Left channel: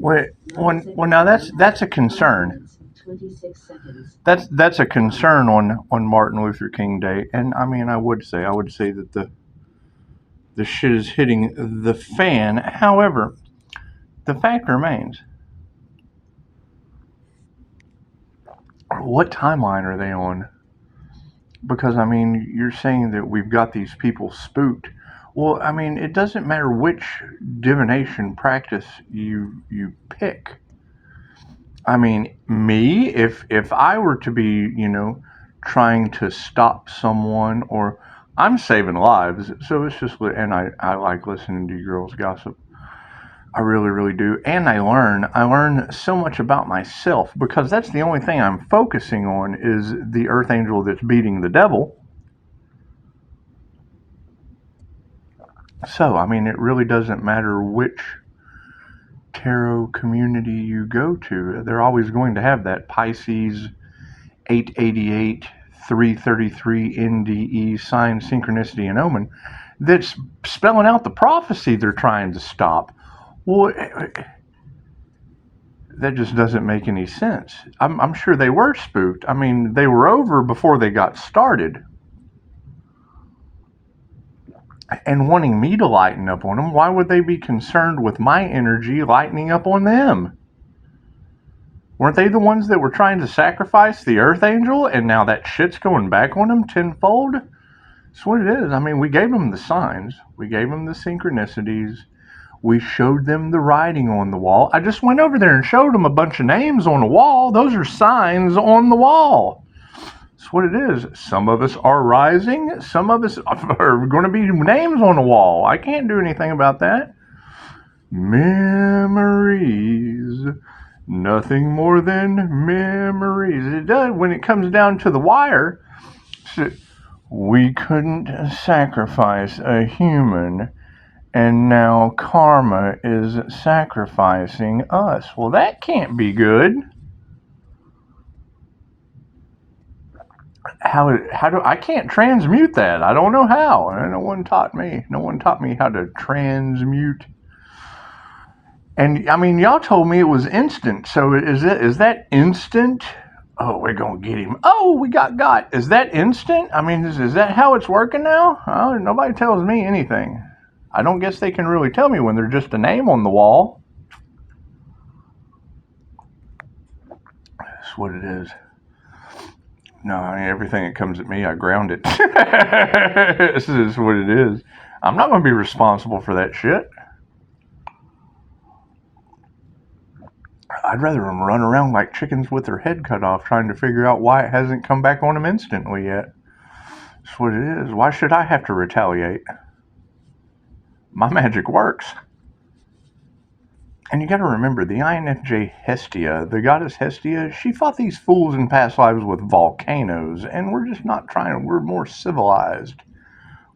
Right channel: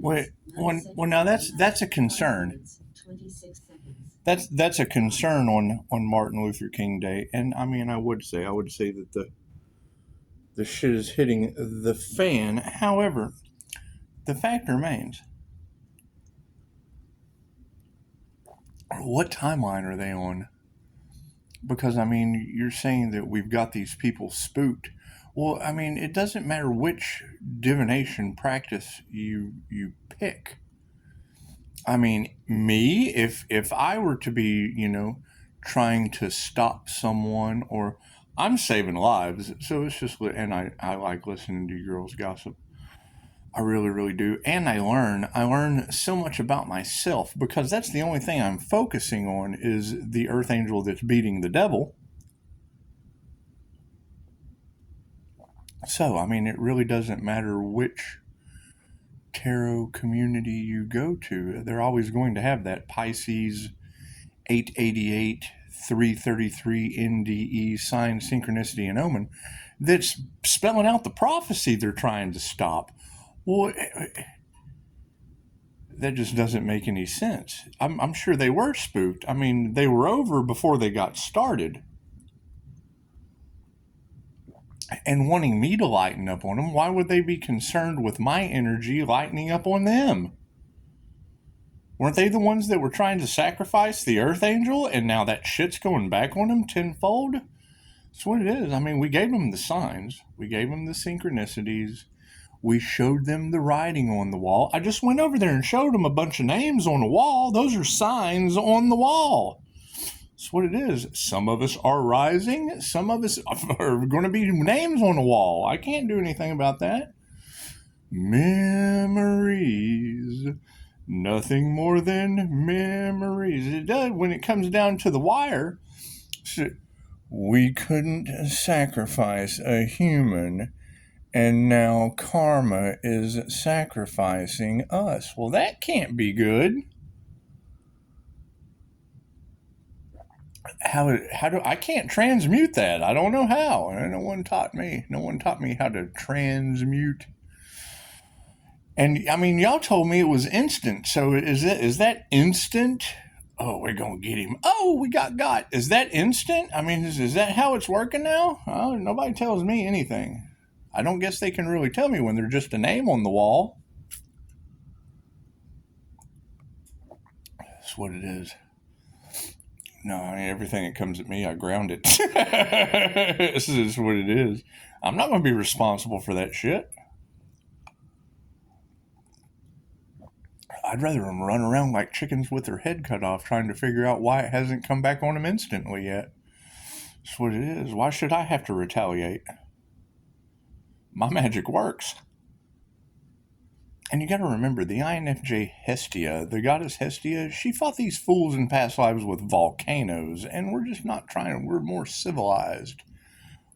Well, now that's a concern. That's a concern on Martin Luther King Day, and I mean, I would say that the shit is hitting the fan. However, the fact remains: what timeline are they on? Because I mean, you're saying that we've got these people spooked. Well, I mean, it doesn't matter which divination practice you pick. I mean, me, if I were to be, trying to stop someone, or I'm saving lives, so it's just, and I like listening to girls gossip. I really, really do. And I learn so much about myself, because that's the only thing I'm focusing on is the earth angel that's beating the devil. So, I mean, it really doesn't matter which tarot community you go to. They're always going to have that Pisces 888 333 NDE sign, synchronicity, and omen that's spelling out the prophecy they're trying to stop. Well, that just doesn't make any sense. I'm sure they were spooked. I mean, they were over before they got started. And wanting me to lighten up on them, why would they be concerned with my energy lightening up on them? Weren't they the ones that were trying to sacrifice the earth angel, and now that shit's going back on them tenfold? That's what it is. I mean, we gave them the signs. We gave them the synchronicities. We showed them the writing on the wall. I just went over there and showed them a bunch of names on the wall. Those are signs on the wall. That's what it is. Some of us are rising. Some of us are going to be names on the wall. I can't do anything about that. Memories. Nothing more than memories. It does when it comes down to the wire. We couldn't sacrifice a human, and now karma is sacrificing us. Well, that can't be good. How do I can't transmute that? I don't know how. No one taught me. No one taught me how to transmute. And I mean, y'all told me it was instant. So is that instant? Oh, we're gonna get him. Oh, we got. Is that instant? I mean, is that how it's working now? Oh, nobody tells me anything. I don't guess they can really tell me when they're just a name on the wall. That's what it is. No, I mean, everything that comes at me, I ground it. This is what it is. I'm not going to be responsible for that shit. I'd rather them run around like chickens with their head cut off trying to figure out why it hasn't come back on them instantly yet. That's what it is. Why should I have to retaliate? My magic works. And you got to remember, the INFJ Hestia, the goddess Hestia, she fought these fools in past lives with volcanoes, and we're just not trying. We're more civilized.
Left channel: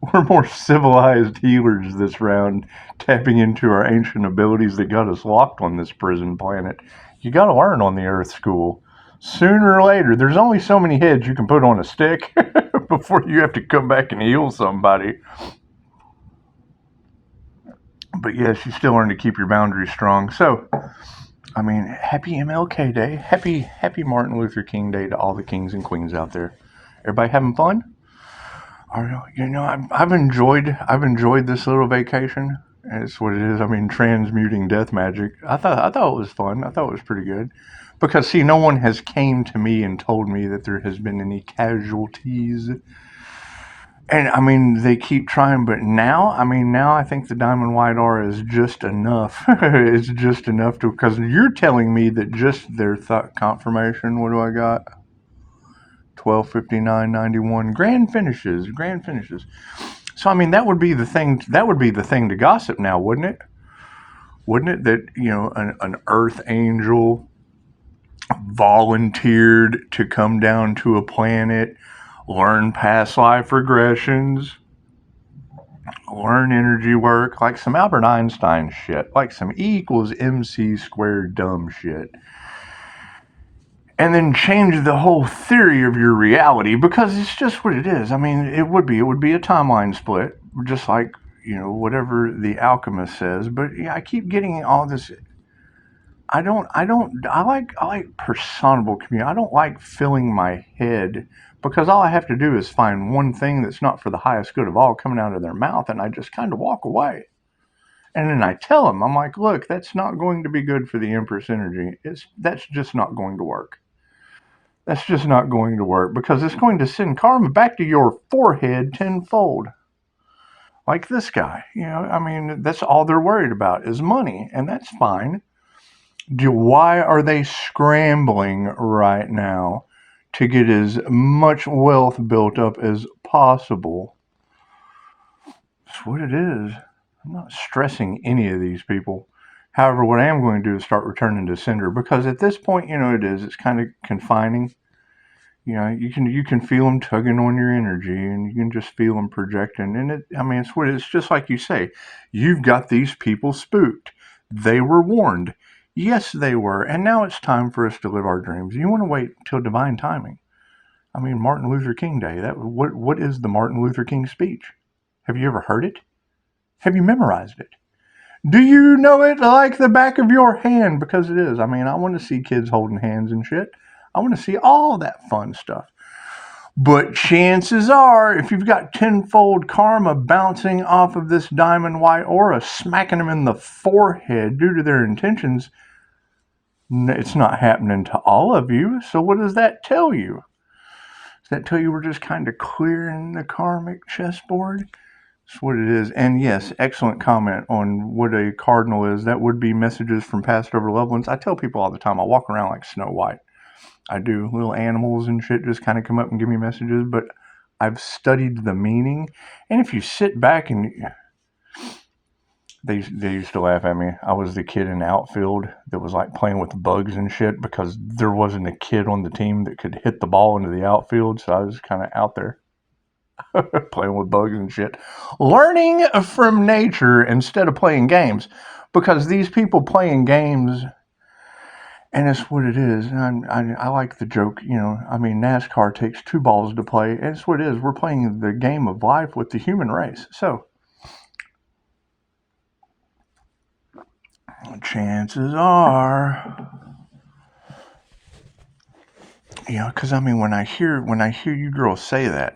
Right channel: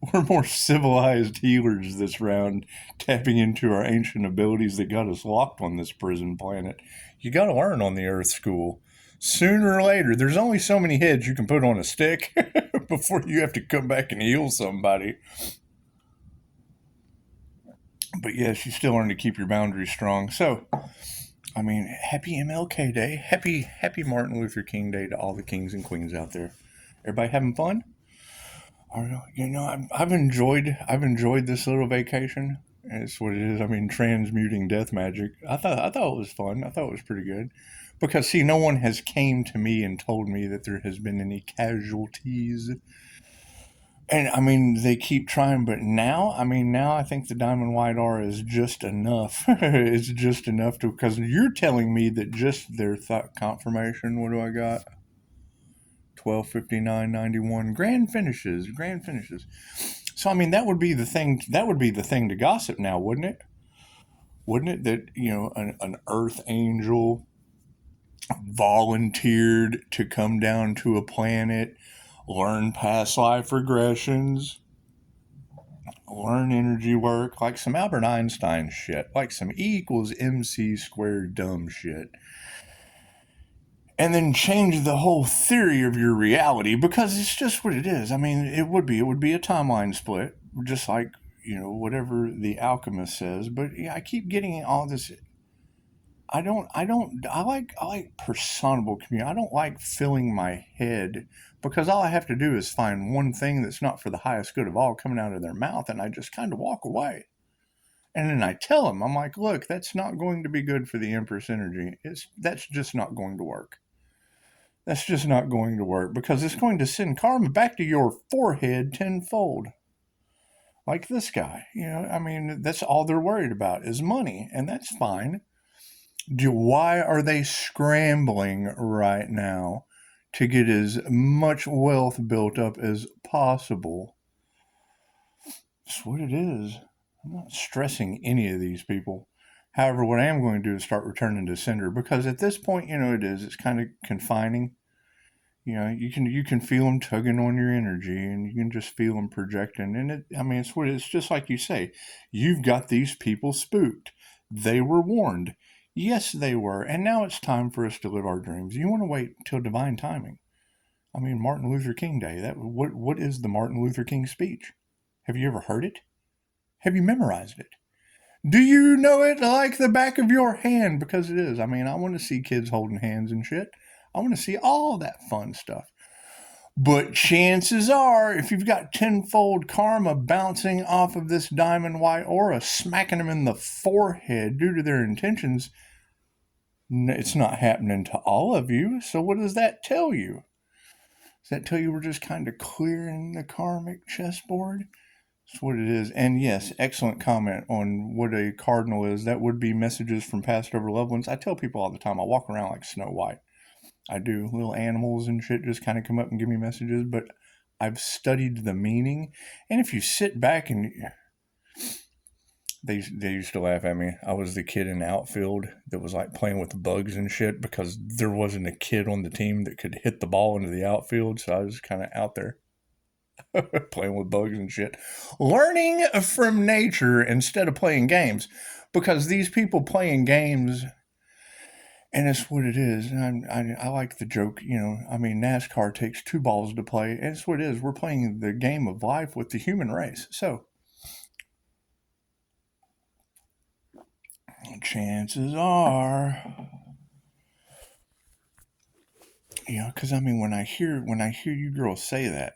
We're more civilized healers this round, tapping into our ancient abilities that got us locked on this prison planet. You got to learn on the Earth School. Sooner or later, there's only so many heads you can put on a stick before you have to come back and heal somebody. But yes, you still learn to keep your boundaries strong. So, I mean, happy M.L.K. Day. Happy Martin Luther King Day to all the kings and queens out there. Everybody having fun? I've enjoyed this little vacation. That's what it is. I mean, transmuting death magic. I thought it was fun. I thought it was pretty good. Because, see, no one has came to me and told me that there has been any casualties. And, I mean, they keep trying, but now I think the Diamond White Aura is just enough. It's just enough to, because you're telling me that just their thought confirmation, what do I got? 12:59:91 grand finishes. So, I mean, that would be the thing to gossip now, wouldn't it? Wouldn't it that, an earth angel volunteered to come down to a planet, learn past life regressions, learn energy work, like some Albert Einstein shit, like some E=mc² dumb shit. And then change the whole theory of your reality, because it's just what it is. I mean, it would be a timeline split, just like, whatever the alchemist says. But yeah, I keep getting all this. I like personable community. I don't like filling my head because all I have to do is find one thing that's not for the highest good of all coming out of their mouth, and I just kind of walk away. And then I tell them, I'm like, look, that's not going to be good for the Empress energy. That's just not going to work. That's just not going to work because it's going to send karma back to your forehead tenfold. Like this guy, that's all they're worried about is money, and that's fine. Why are they scrambling right now to get as much wealth built up as possible? That's what it is. I'm not stressing any of these people. However, what I am going to do is start returning to sender because at this point, it's kind of confining. You can feel them tugging on your energy, and you can just feel them projecting. And it's just like you say, you've got these people spooked. They were warned. Yes, they were. And now it's time for us to live our dreams. You want to wait till divine timing. Martin Luther King Day. What is the Martin Luther King speech? Have you ever heard it? Have you memorized it? Do you know it like the back of your hand? Because it is. I want to see kids holding hands and shit. I want to see all that fun stuff. But chances are, if you've got tenfold karma bouncing off of this diamond white aura, smacking them in the forehead due to their intentions, it's not happening to all of you. So what does that tell you? Does that tell you we're just kind of clearing the karmic chessboard? That's what it is. And yes, excellent comment on what a cardinal is. That would be messages from past over loved ones. I tell people all the time, I walk around like Snow White. I do. Little animals and shit just kind of come up and give me messages, but I've studied the meaning. And if you sit back and they used to laugh at me. I was the kid in the outfield that was like playing with bugs and shit because there wasn't a kid on the team that could hit the ball into the outfield. So I was kind of out there playing with bugs and shit, learning from nature instead of playing games, because these people playing games, and it's what it is. And I like the joke, NASCAR takes 2 balls to play. And it's what it is. We're playing the game of life with the human race. So chances are, because when I hear you girls say that,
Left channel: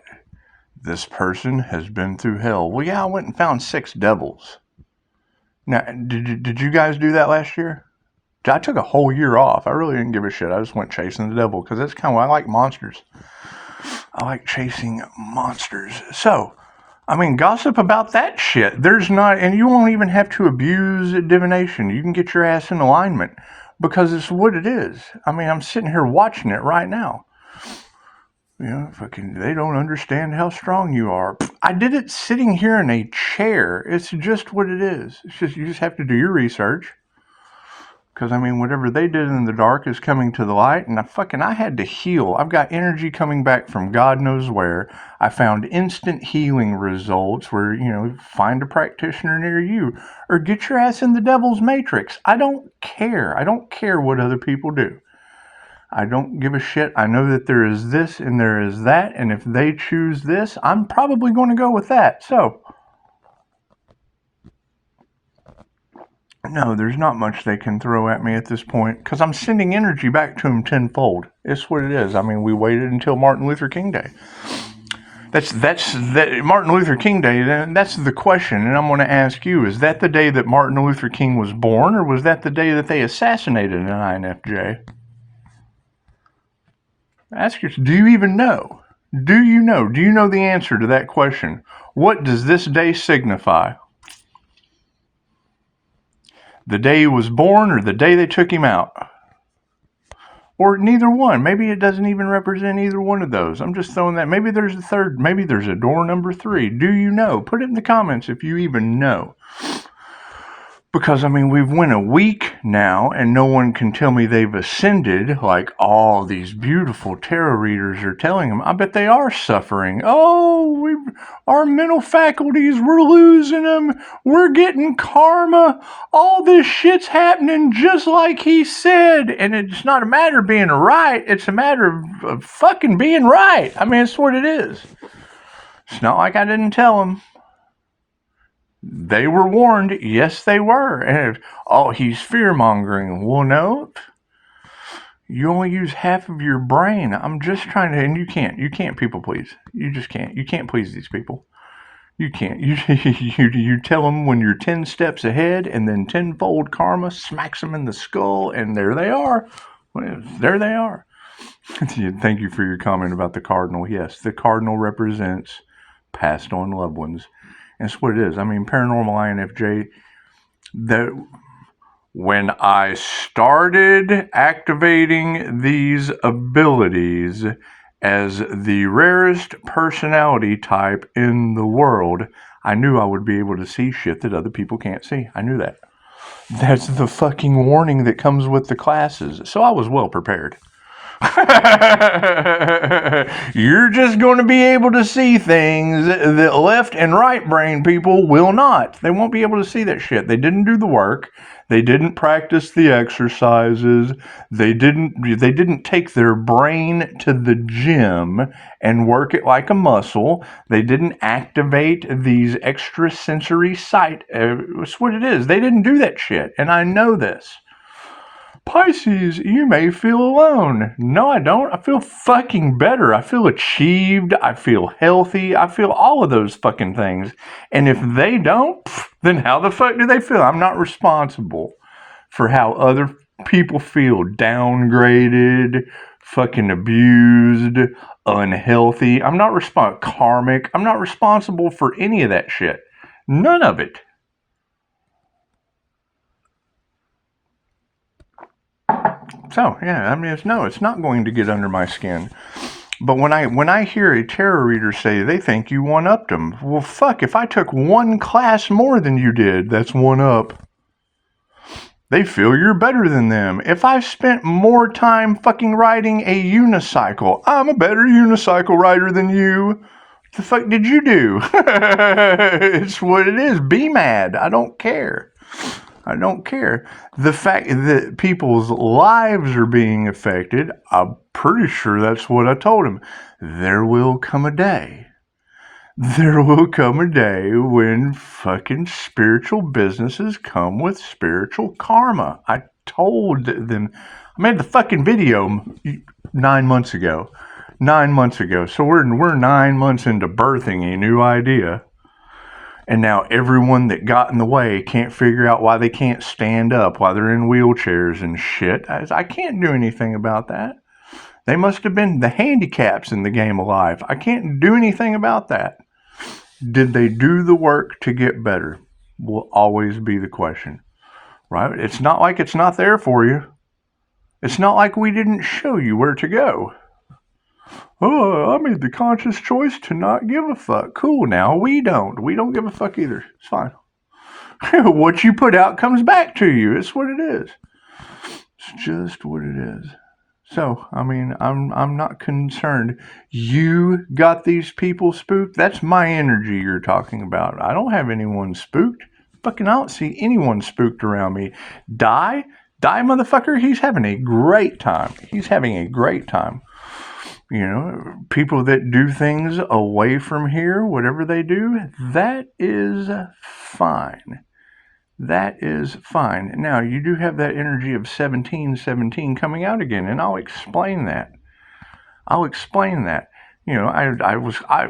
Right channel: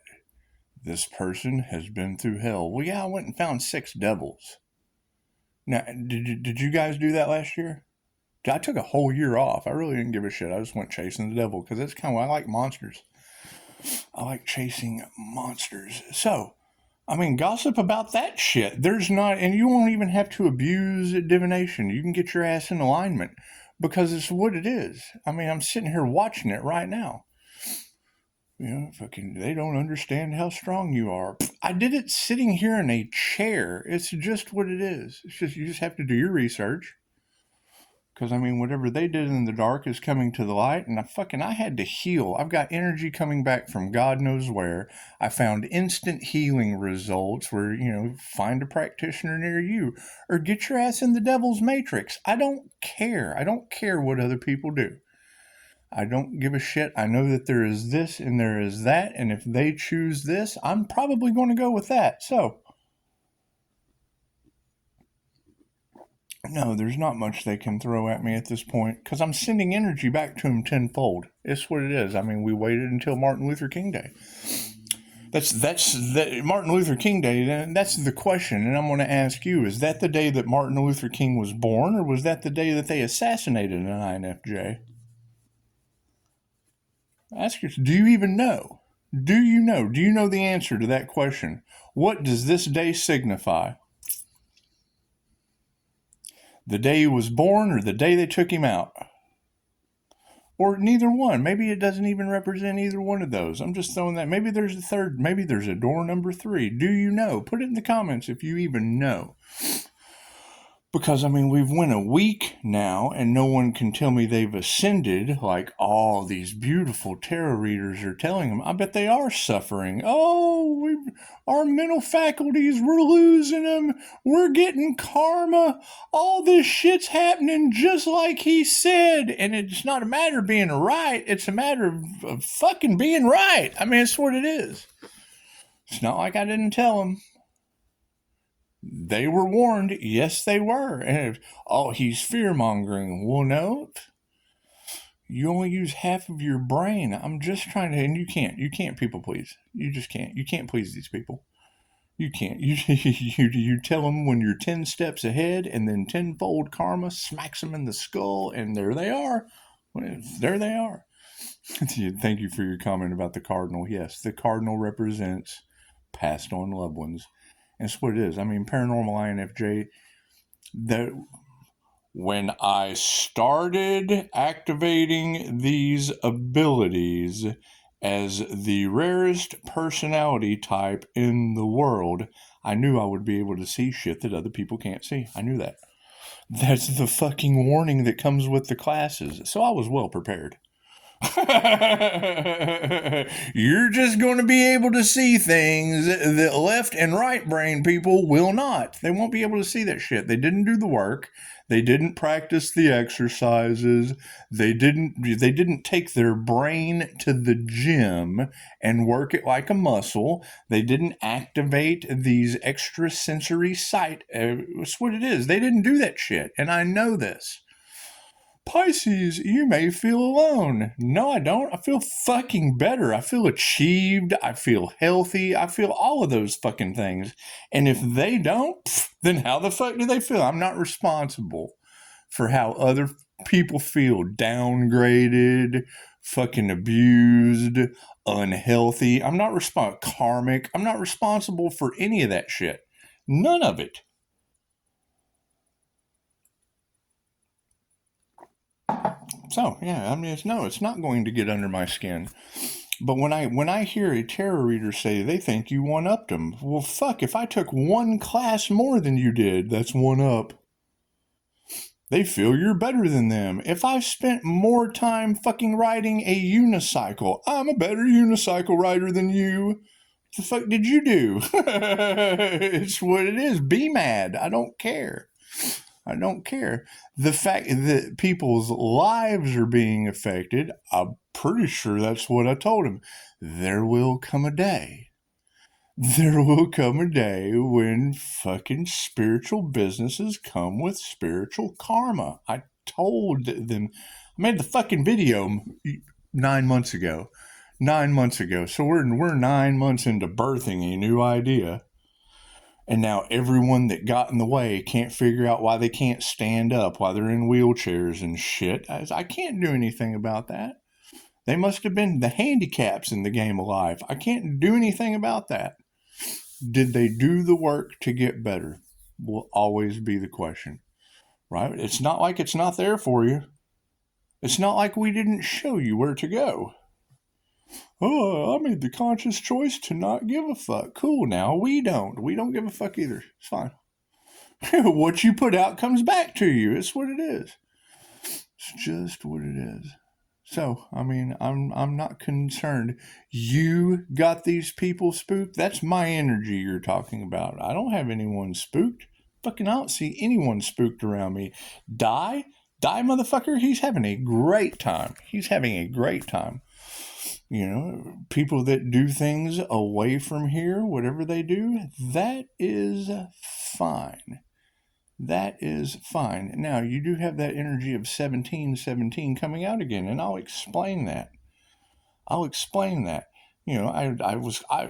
this person has been through hell. Well, yeah, I went and found 6 devils. Now, did you guys do that last year? I took a whole year off. I really didn't give a shit. I just went chasing the devil because that's kind of what I like. Monsters. I like chasing monsters. So, gossip about that shit. There's not, and you won't even have to abuse divination. You can get your ass in alignment because it's what it is. I'm sitting here watching it right now. They don't understand how strong you are. I did it sitting here in a chair. It's just what it is. It's just, you just have to do your research. Because, whatever they did in the dark is coming to the light, and I had to heal. I've got energy coming back from God knows where. I found instant healing results where, find a practitioner near you, or get your ass in the devil's matrix. I don't care. I don't care what other people do. I don't give a shit. I know that there is this and there is that, and if they choose this, I'm probably going to go with that. So, no, there's not much they can throw at me at this point because I'm sending energy back to them tenfold. It's what it is. We waited until Martin Luther King Day. That's Martin Luther King Day. That's the question, and I'm going to ask you: is that the day that Martin Luther King was born, or was that the day that they assassinated an INFJ? Ask yourself: do you even know? Do you know? Do you know the answer to that question? What does this day signify? The day he was born or the day they took him out? Or neither one. Maybe it doesn't even represent either one of those. I'm just throwing that. Maybe there's a third. Maybe there's a door number 3. Do you know? Put it in the comments if you even know. Because, we've went a week now and no one can tell me they've ascended like all these beautiful tarot readers are telling them. I bet they are suffering. Oh, our mental faculties, we're losing them. We're getting karma. All this shit's happening just like he said. And it's not a matter of being right. It's a matter of fucking being right. It's what it is. It's not like I didn't tell them. They were warned. Yes, they were. And, oh, he's fear-mongering. Well, no. You only use half of your brain. I'm just trying to, and you can't people please. You just can't. You can't please these people. You can't. You tell them when you're 10 steps ahead, and then tenfold karma smacks them in the skull, and there they are. There they are. Thank you for your comment about the cardinal. Yes, the cardinal represents passed on loved ones. That's what it is. I mean, paranormal INFJ, that when I started activating these abilities as the rarest personality type in the world, I knew I would be able to see shit that other people can't see. I knew that. That's the fucking warning that comes with the classes. So I was well prepared. You're just going to be able to see things that left and right brain people will not. They won't be able to see that shit. They didn't do the work. They didn't practice the exercises. They didn't take their brain to the gym and work it like a muscle. They didn't activate these extrasensory sight. That's what it is. They didn't do that shit. And I know this. Pisces, you may feel alone. No, I don't. I feel fucking better. I feel achieved. I feel healthy. I feel all of those fucking things. And if they don't, then how the fuck do they feel? I'm not responsible for how other people feel. Downgraded, fucking abused, unhealthy. I'm not karmic. I'm not responsible for any of that shit. None of it. So, yeah, I mean, it's not going to get under my skin. But when I hear a tarot reader say they think you one-upped them, well, fuck, if I took one class more than you did, that's one up. They feel you're better than them. If I spent more time fucking riding a unicycle, I'm a better unicycle rider than you. What the fuck did you do? It's what it is. Be mad. I don't care. I don't care. The fact that people's lives are being affected, I'm pretty sure that's what I told him. There will come a day. There will come a day when fucking spiritual businesses come with spiritual karma. I told them. I made the fucking video 9 months ago. 9 months ago. So we're 9 months into birthing a new idea. And now everyone that got in the way can't figure out why they can't stand up, why they're in wheelchairs and shit. I can't do anything about that. They must have been the handicaps in the game of life. I can't do anything about that. Did they do the work to get better? Will always be the question, right? It's not like it's not there for you. It's not like we didn't show you where to go. Oh, I made the conscious choice to not give a fuck. Cool, now we don't. We don't give a fuck either. It's fine. What you put out comes back to you. It's what it is. It's just what it is. So, I mean, I'm not concerned. You got these people spooked? That's my energy you're talking about. I don't have anyone spooked. Fucking I don't see anyone spooked around me. Die, motherfucker. He's having a great time. He's having a great time. You know, people that do things away from here, whatever they do, that is fine. That is fine. Now, you do have that energy of 1717 coming out again, and I'll explain that. You know,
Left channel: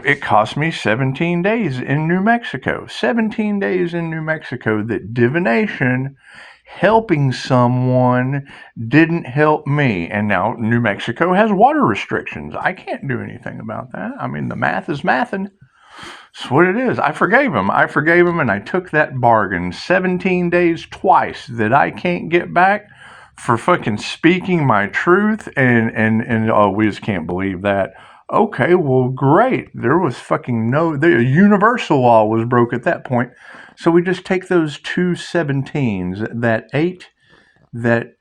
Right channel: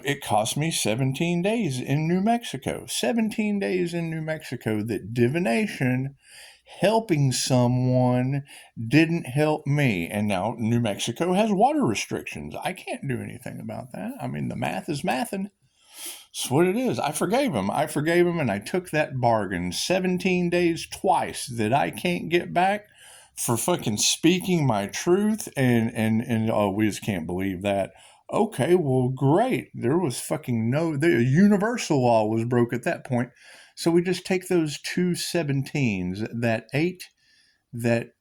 it cost me 17 days in New Mexico. 17 days in New Mexico that divination, helping someone, didn't help me. And now New Mexico has water restrictions. I can't do anything about that. I mean, the math is mathing. That's what it is. I forgave him, and I took that bargain. 17 days twice that I can't get back for fucking speaking my truth, and oh, we just can't believe that. Okay, well, great. There was fucking the universal law was broke at that point. So we just take those 2 17s, that 8, that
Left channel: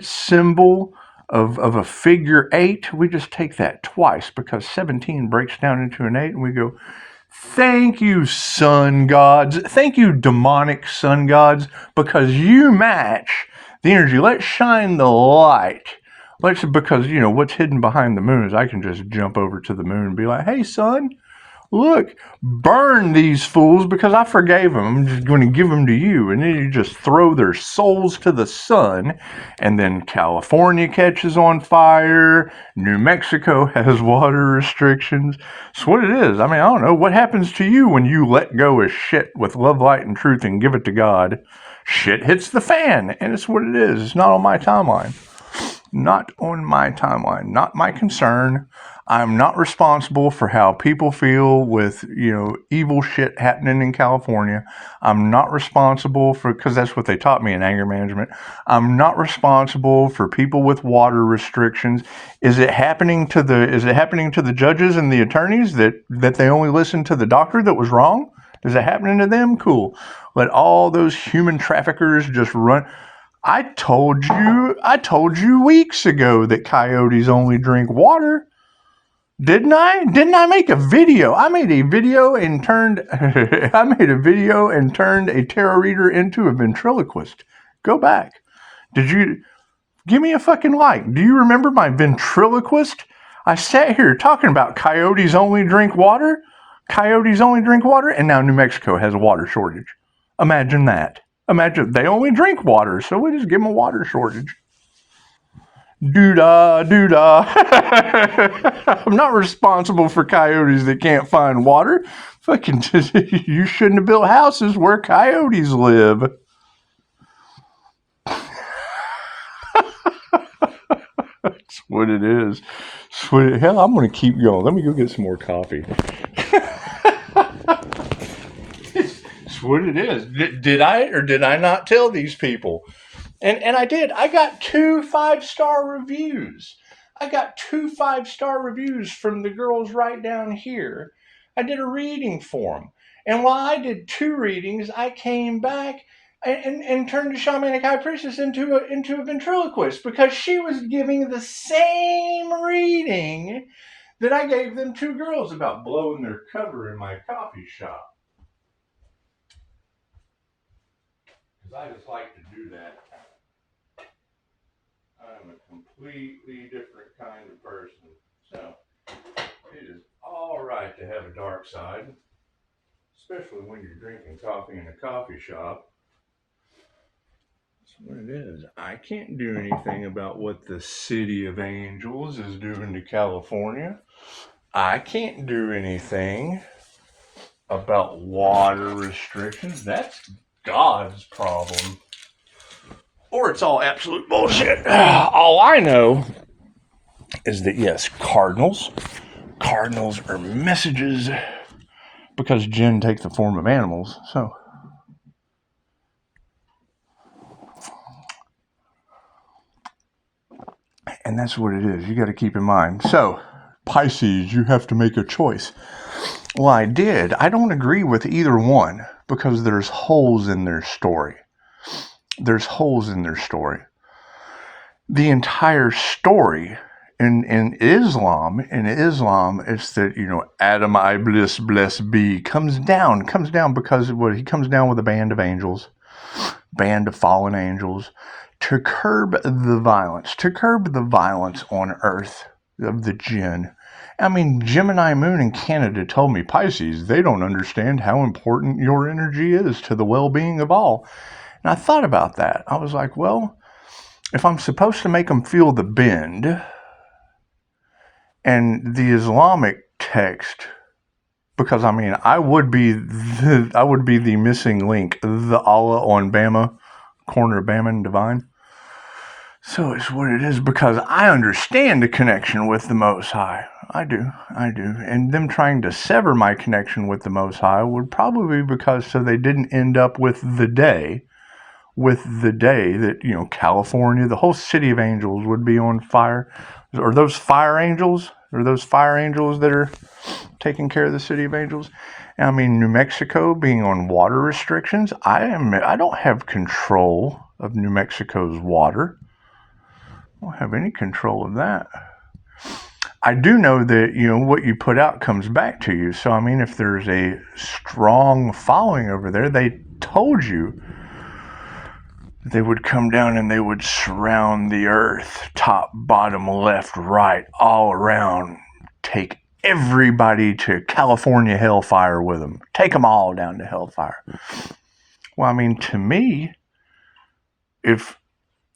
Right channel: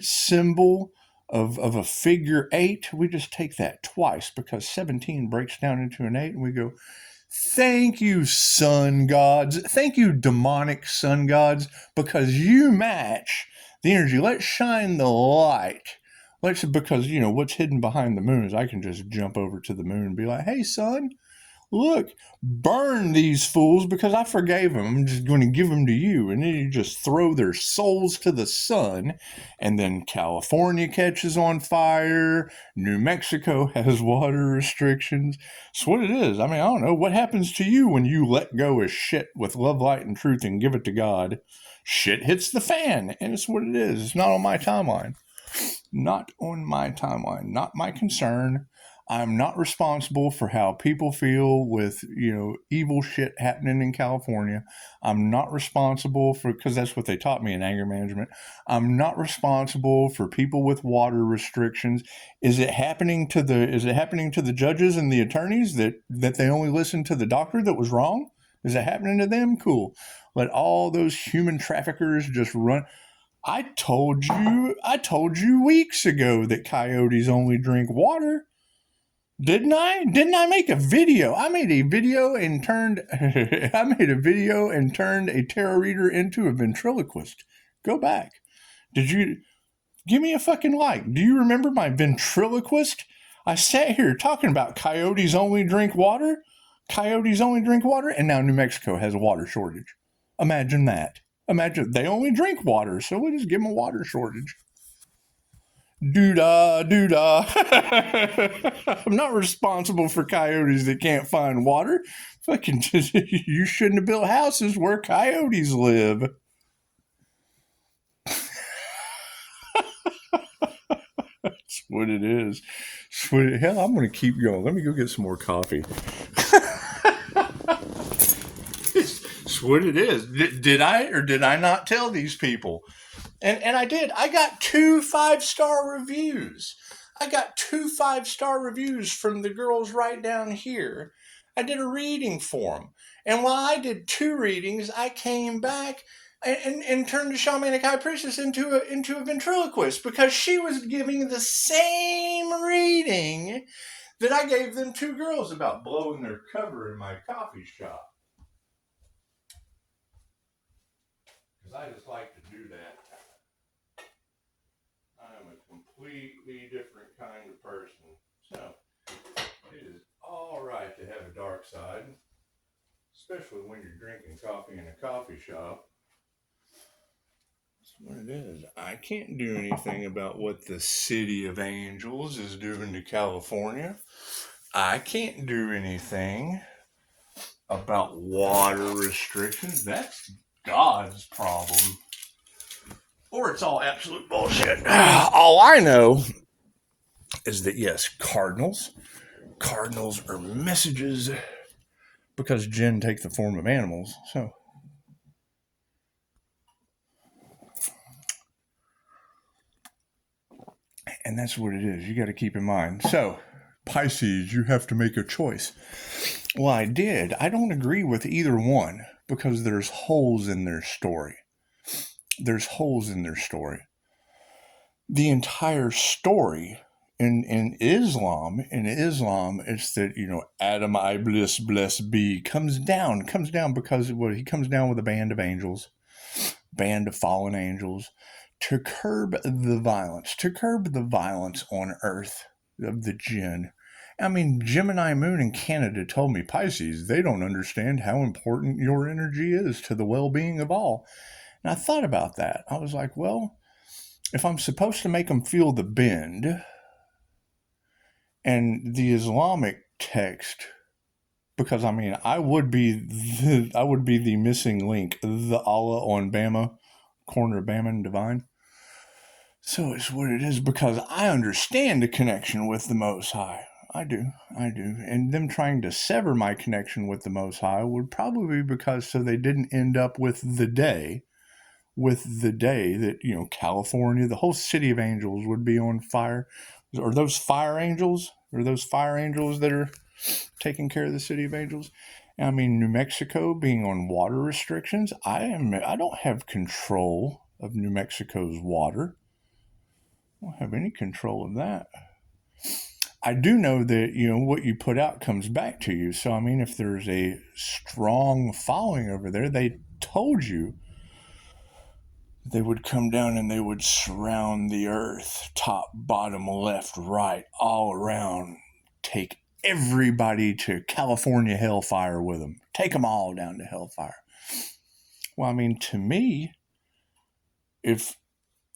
symbol of a figure 8, we just take that twice, because 17 breaks down into an 8, and we go, thank you, sun gods. Thank you, demonic sun gods, because you match the energy. Let's shine the light. Because, you know, what's hidden behind the moon is I can just jump over to the moon and be like, hey, sun, Look, burn these fools because I forgave them. I'm just going to give them to you. And then you just throw their souls to the sun. And then California catches on fire. New Mexico has water restrictions. It's what it is. I mean, I don't know. What happens to you when you let go of shit with love, light, and truth and give it to God? Shit hits the fan. And it's what it is. It's not on my timeline. Not on my timeline. Not my concern. I'm not responsible for how people feel with, evil shit happening in California. I'm not responsible for, because that's what they taught me in anger management. I'm not responsible for people with water restrictions. Is it happening to the judges and the attorneys that they only listen to the doctor that was wrong? Is it happening to them? Cool. Let all those human traffickers just run. I told you weeks ago that coyotes only drink water. Didn't I? Didn't I make a video? I made a video and turned a tarot reader into a ventriloquist. Go back. Did you give me a fucking like? Do you remember my ventriloquist? I sat here talking about coyotes only drink water. Coyotes only drink water, and now New Mexico has a water shortage. Imagine that. Imagine they only drink water, so we just give them a water shortage. Doo-dah, doo-dah. I'm not responsible for coyotes that can't find water. Fucking, you shouldn't have built houses where coyotes live. That's what it is. Hell, I'm going to keep going. Let me go get some more coffee. It's what it is. Did I or did I not tell these people? And I did. I got 2 5-star reviews. I got 2 5-star reviews from the girls right down here. I did a reading for them. And while I did 2 readings, I came back and turned the shamanic high priestess into a ventriloquist because she was giving the same reading that I gave them 2 girls about blowing their cover in my coffee shop. Because I just like to do that. I'm a completely different kind of person. So, it is all right to have a dark side, especially when you're drinking coffee in a coffee shop. That's what it is. I can't do anything about what the City of Angels is doing to California. I can't do anything about water restrictions. That's God's problem. Or it's all absolute bullshit. All I know is that, yes, cardinals are messages because jinn take the form of animals. So, and that's what it is. You got to keep in mind. So, Pisces, you have to make a choice. Well, I did. I don't agree with either one because there's holes in their story. There's holes in their story. The entire story in Islam, it's that, Adam Iblis, blessed be, comes down because he comes down with a band of angels, band of fallen angels, to curb the violence on earth of the jinn. I mean, Gemini Moon in Canada told me, Pisces, they don't understand how important your energy is to the well-being of all. And I thought about that. I was like, well, if I'm supposed to make them feel the bend, and the Islamic text, because I would be the missing link, the Allah on Bama, corner of Bama and Divine. So it's what it is because I understand the connection with the Most High. I do. And them trying to sever my connection with the Most High would probably be because so they didn't end up with the day that, California, the whole City of Angels would be on fire. Are those fire angels? Are those fire angels that are taking care of the City of Angels? I mean, New Mexico being on water restrictions, I don't have control of New Mexico's water. I don't have any control of that. I do know that, what you put out comes back to you. So, if there's a strong following over there, they told you they would come down and they would surround the earth, top, bottom, left, right, all around, take everybody to California hellfire with them. Take them all down to hellfire. Well, I mean, to me, if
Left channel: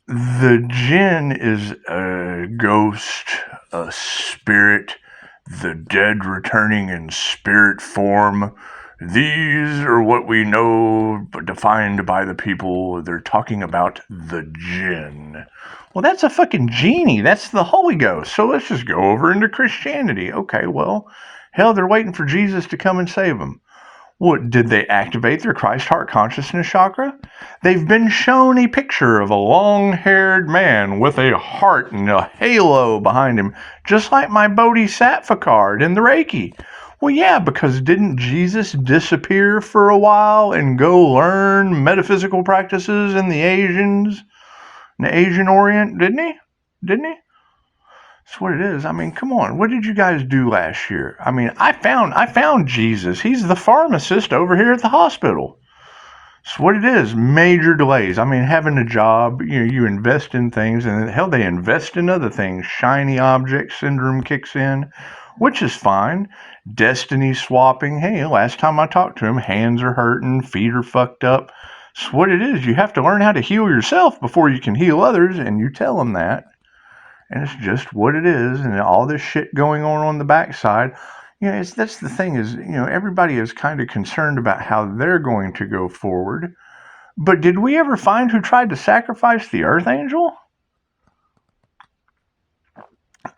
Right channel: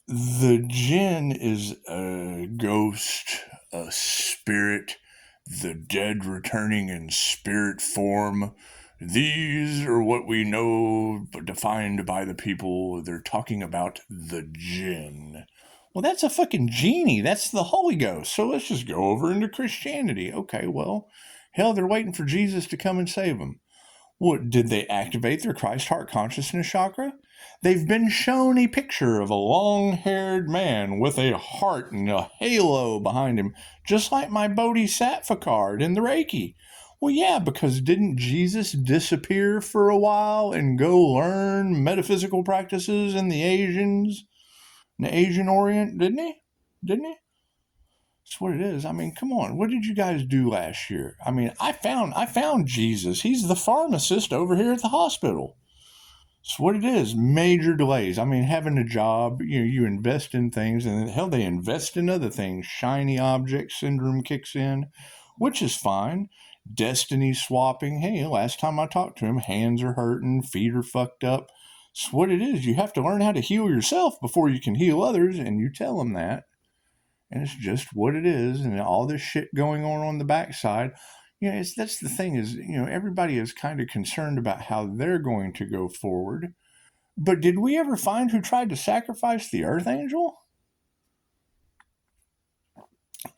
the jinn is a ghost, a spirit, the dead returning in spirit form, these are what we know, defined by the people. They're talking about the jinn. Well, that's a fucking genie. That's the Holy Ghost. So let's just go over into Christianity. Okay, well, hell, they're waiting for Jesus to come and save them. What, did they activate their Christ heart consciousness chakra? They've been shown a picture of a long-haired man with a heart and a halo behind him, just like my Bodhisattva card in the Reiki. Well, yeah, because didn't Jesus disappear for a while and go learn metaphysical practices in the Asian Orient? Didn't he? That's what it is. I mean, come on. What did you guys do last year? I mean, I found Jesus. He's the pharmacist over here at the hospital. That's what it is. Major delays. I mean, having a job, you invest in things, and hell, they invest in other things. Shiny object syndrome kicks in, which is fine. Destiny swapping. Hey, last time I talked to him, hands are hurting, feet are fucked up. That's what it is. You have to learn how to heal yourself before you can heal others, and you tell them that. And it's just what it is, and all this shit going on the backside. That's the thing is, everybody is kind of concerned about how they're going to go forward. But did we ever find who tried to sacrifice the Earth Angel?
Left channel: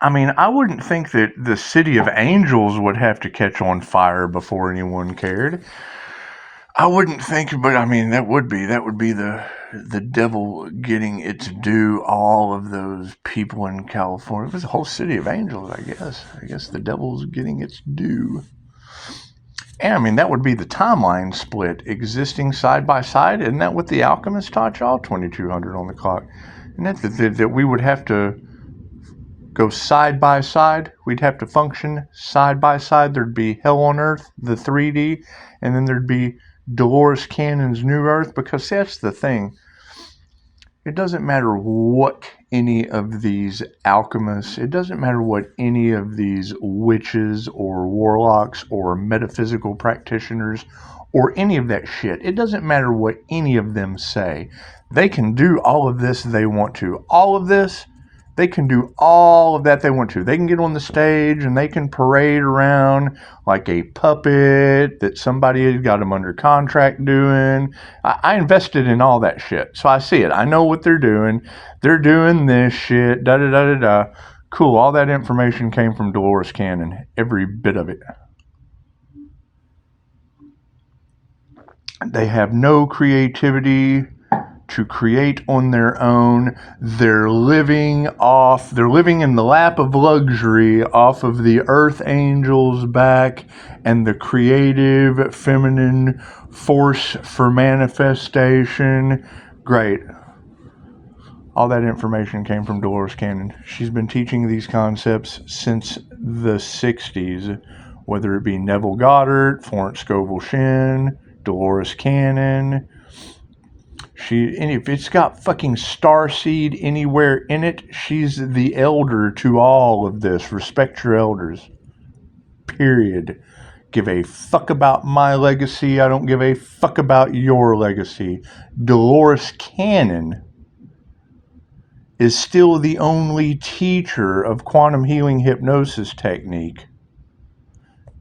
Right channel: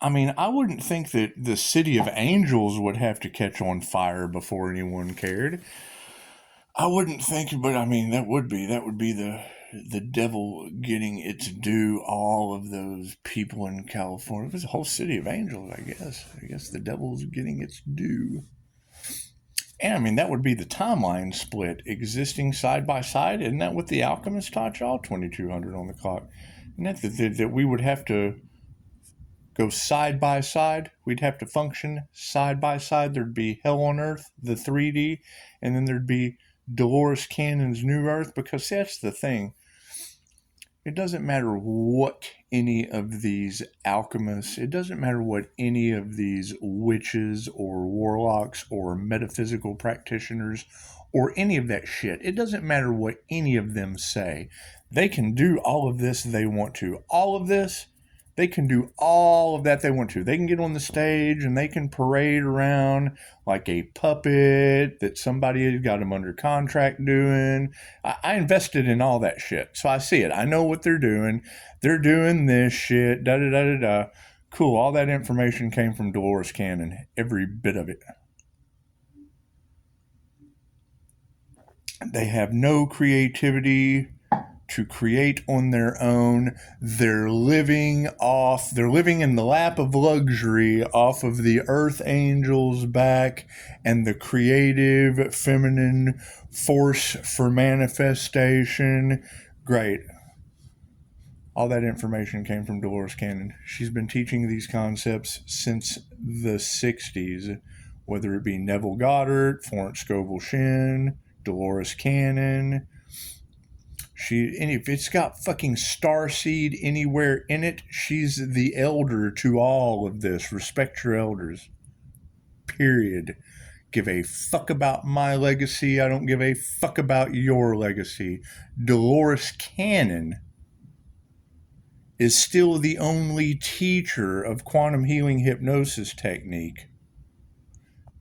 I mean, I wouldn't think that the city of angels would have to catch on fire before anyone cared. I wouldn't think, but I mean, that would be the devil getting its due. All of those people in California. It was a whole city of angels, I guess. I guess the devil's getting its due. And I mean, that would be the timeline split existing side by side. Isn't that what the alchemist taught y'all? 2200 on the clock. Isn't that we would have to go side by side? We'd have to function side by side. There'd be Hell on Earth, the 3D, and then there'd be Dolores Cannon's New Earth, because that's the thing. It doesn't matter what any of these alchemists, it doesn't matter what any of these witches or warlocks or metaphysical practitioners or any of that shit, it doesn't matter what any of them say. They can do all of this they want to. All of this, they can do all of that they want to. They can get on the stage and they can parade around like a puppet that somebody has got them under contract doing. I invested in all that shit, so I see it. I know what they're doing. They're doing this shit, da-da-da-da-da. Cool, all that information came from Dolores Cannon, every bit of it. They have no creativity to create on their own. They're living in the lap of luxury off of the Earth Angel's back and the creative feminine force for manifestation. Great. All that information came from Dolores Cannon. She's been teaching these concepts since the 60s, whether it be Neville Goddard, Florence Scovel Shinn, Dolores Cannon. If it's got fucking starseed anywhere in it, she's the elder to all of this. Respect your elders. Period. Give a fuck about my legacy. I don't give a fuck about your legacy. Dolores Cannon is still the only teacher of quantum healing hypnosis technique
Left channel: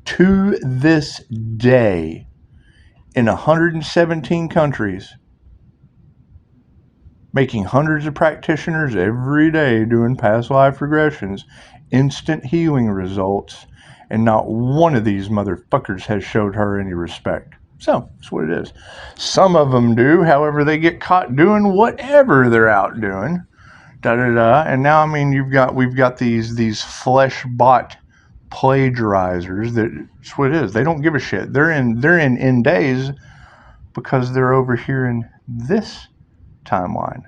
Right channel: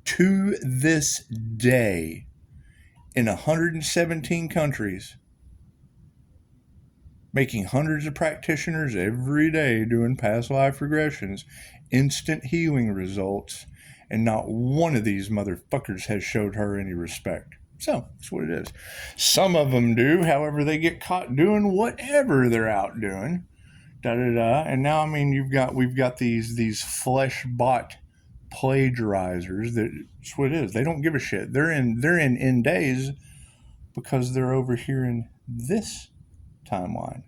to this day in 117 countries, making hundreds of practitioners every day doing past life regressions, instant healing results, and not one of these motherfuckers has showed her any respect. So, that's what it is. Some of them do, however, they get caught doing whatever they're out doing. Da-da-da. And now, I mean, we've got these flesh-bought plagiarizers. That's what it is. They don't give a shit. They're in days because they're over here in this timeline.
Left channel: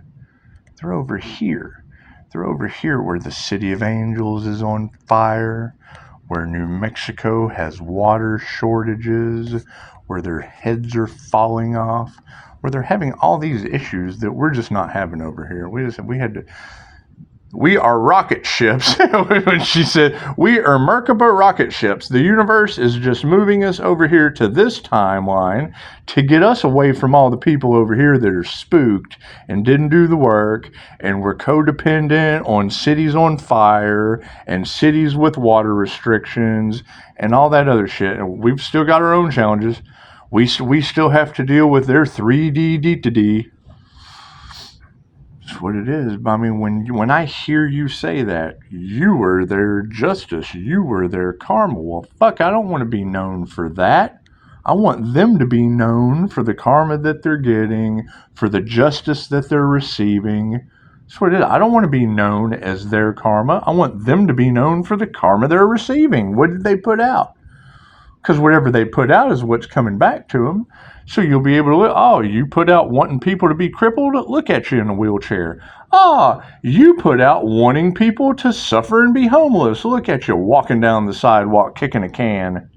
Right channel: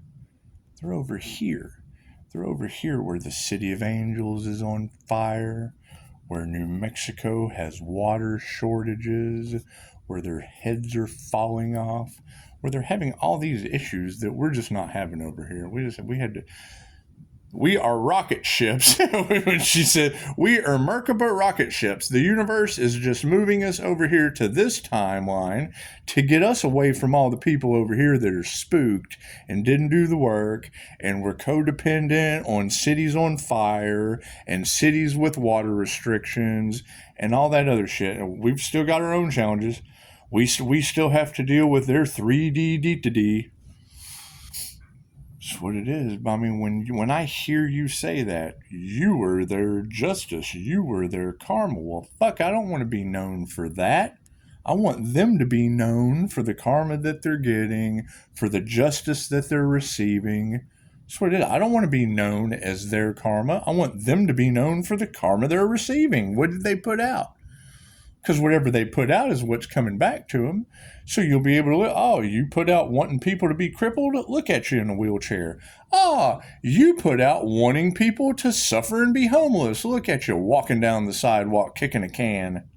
They're over here. They're over here where the City of Angels is on fire, where New Mexico has water shortages, where their heads are falling off, where they're having all these issues that we're just not having over here. We had to. We are rocket ships. When she said, we are Merkaba rocket ships. The universe is just moving us over here to this timeline to get us away from all the people over here that are spooked and didn't do the work, and we're codependent on cities on fire and cities with water restrictions and all that other shit. And we've still got our own challenges. We still have to deal with their 3D D-to-D. That's what it is. I mean, when I hear you say that, you were their justice, you were their karma. Well, fuck, I don't want to be known for that. I want them to be known for the karma that they're getting, for the justice that they're receiving. That's what it is. I don't want to be known as their karma. I want them to be known for the karma they're receiving. What did they put out? Because whatever they put out is what's coming back to them. So you'll be able to look, oh, you put out wanting people to be crippled? Look at you in a wheelchair. Ah, you put out wanting people to suffer and be homeless. Look at you walking down the sidewalk kicking a can.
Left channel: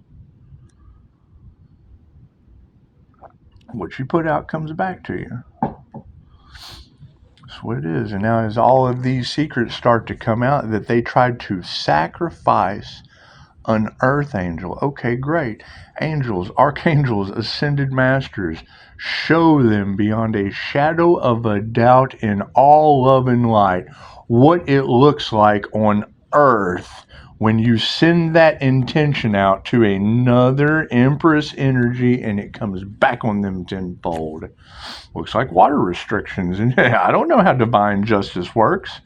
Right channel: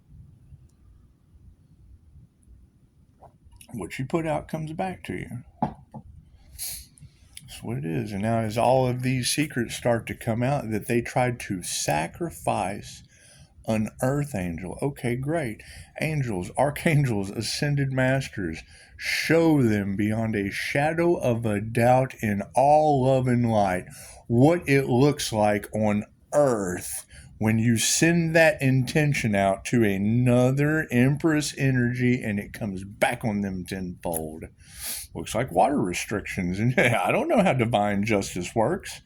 What you put out comes back to you. That's what it is. And now as all of these secrets start to come out that they tried to sacrifice an earth angel. Okay, great. Angels, archangels, ascended masters, show them beyond a shadow of a doubt in all love and light what it looks like on earth when you send that intention out to another empress energy and it comes back on them tenfold. Looks like water restrictions. And I don't know how divine justice works.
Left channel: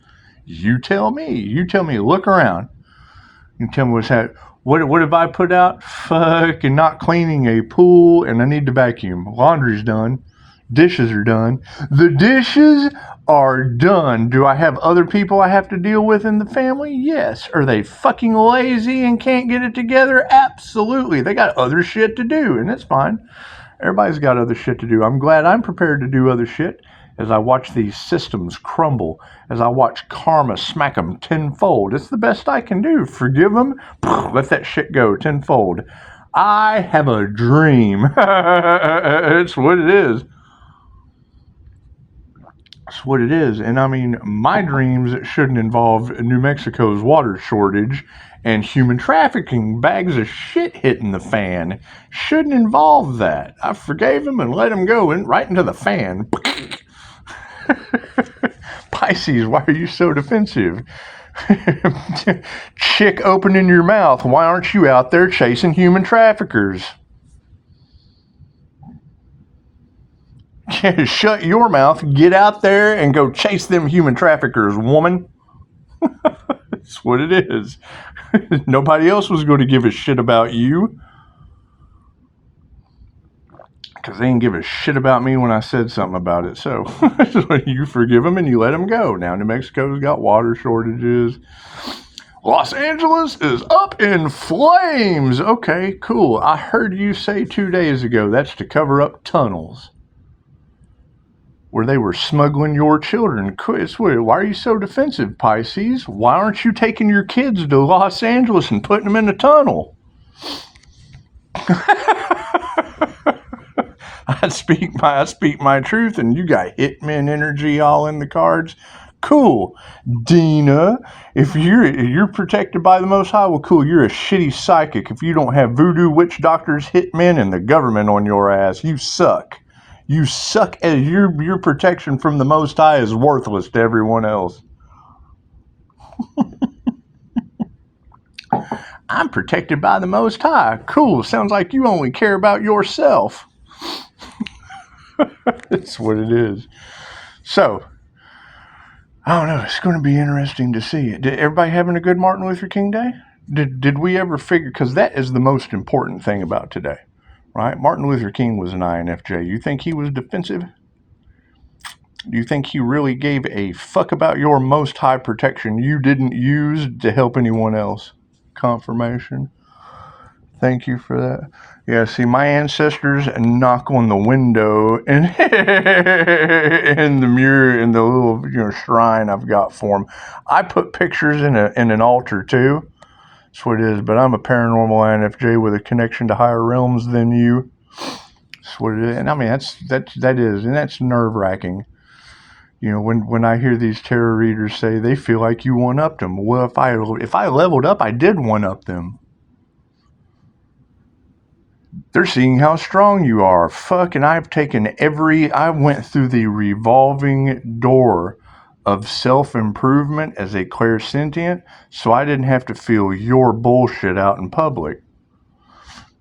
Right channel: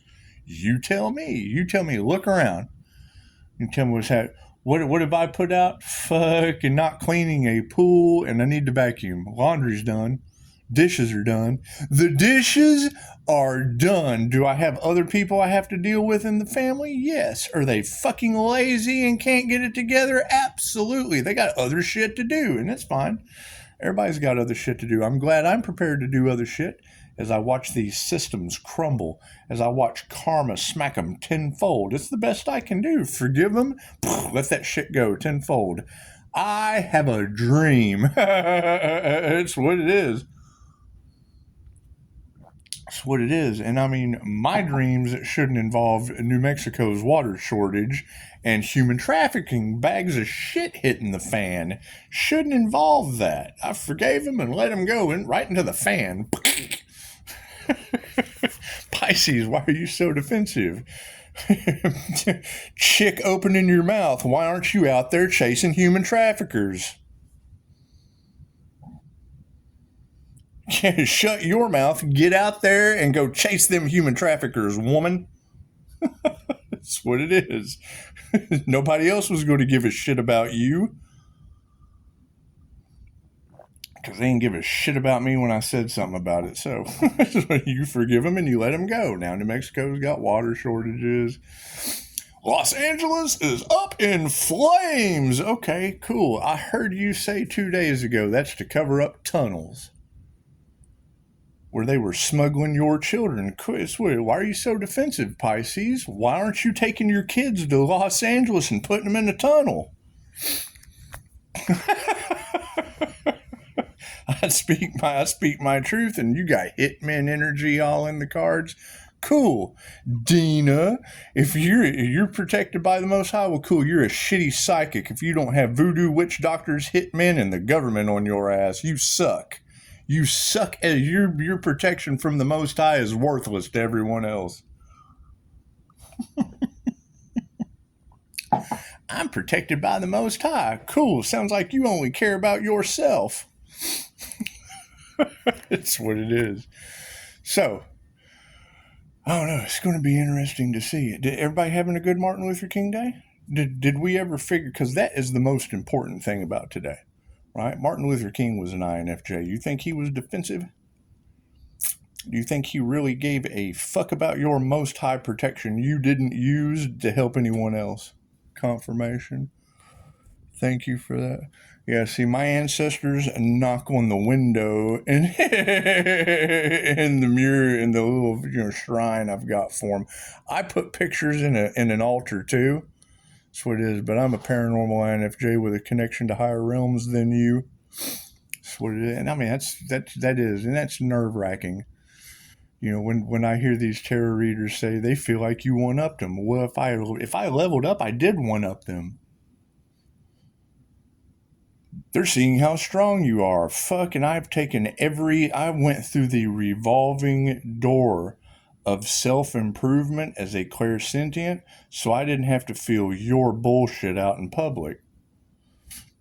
You tell me. You tell me. Look around. You tell me what's happening. What have I put out? Fucking not cleaning a pool, and I need to vacuum. Laundry's done. Dishes are done. The dishes are done. Do I have other people I have to deal with in the family? Yes. Are they fucking lazy and can't get it together? Absolutely. They got other shit to do, and that's fine. Everybody's got other shit to do. I'm glad I'm prepared to do other shit as I watch these systems crumble, as I watch karma smack them tenfold. It's the best I can do. Forgive them, let that shit go tenfold. I have a dream. It's what it is. It's what it is. And I mean, my dreams shouldn't involve New Mexico's water shortage and human trafficking, bags of shit hitting the fan. Shouldn't involve that. I forgave him and let him go right into the fan. Pisces, why are you so defensive? Chick opening your mouth. Why aren't you out there chasing human traffickers? Shut your mouth. Get out there and go chase them human traffickers, woman. That's what it is. Nobody else was going to give a shit about you. Because they didn't give a shit about me when I said something about it. So you forgive them and you let them go. Now New Mexico's got water shortages. Los Angeles is up in flames. Okay, cool. I heard you say 2 days ago that's to cover up tunnels where they were smuggling your children. Why are you so defensive, Pisces? Why aren't you taking your kids to Los Angeles and putting them in a tunnel? I speak my truth, and you got hitman energy all in the cards. Cool. Dina, if you're protected by the Most High, well, cool, you're a shitty psychic. If you don't have voodoo, witch doctors, hitmen, and the government on your ass, you suck. You suck. Your protection from the Most High is worthless to everyone else. I'm protected by the Most High. Cool. Sounds like you only care about yourself. It's what it is. So, I don't know. It's going to be interesting to see. Did everybody having a good Martin Luther King Day? Did we ever figure? Because that is the most important thing about today, right? Martin Luther King was an INFJ. You think he was defensive? Do you think he really gave a fuck about your Most High protection you didn't use to help anyone else? Confirmation. Thank you for that. Yeah, see, my ancestors knock on the window and in the mirror, in the little shrine I've got for them. I put pictures in an altar too. That's what it is. But I'm a paranormal INFJ with a connection to higher realms than you. That's what it is. And I mean, that is, and that's nerve wracking. when I hear these tarot readers say they feel like you one-upped them. Well, if I leveled up, I did one-up them. They're seeing how strong you are. Fucking, I went through the revolving door of self-improvement as a clairsentient, so I didn't have to feel your bullshit out in public.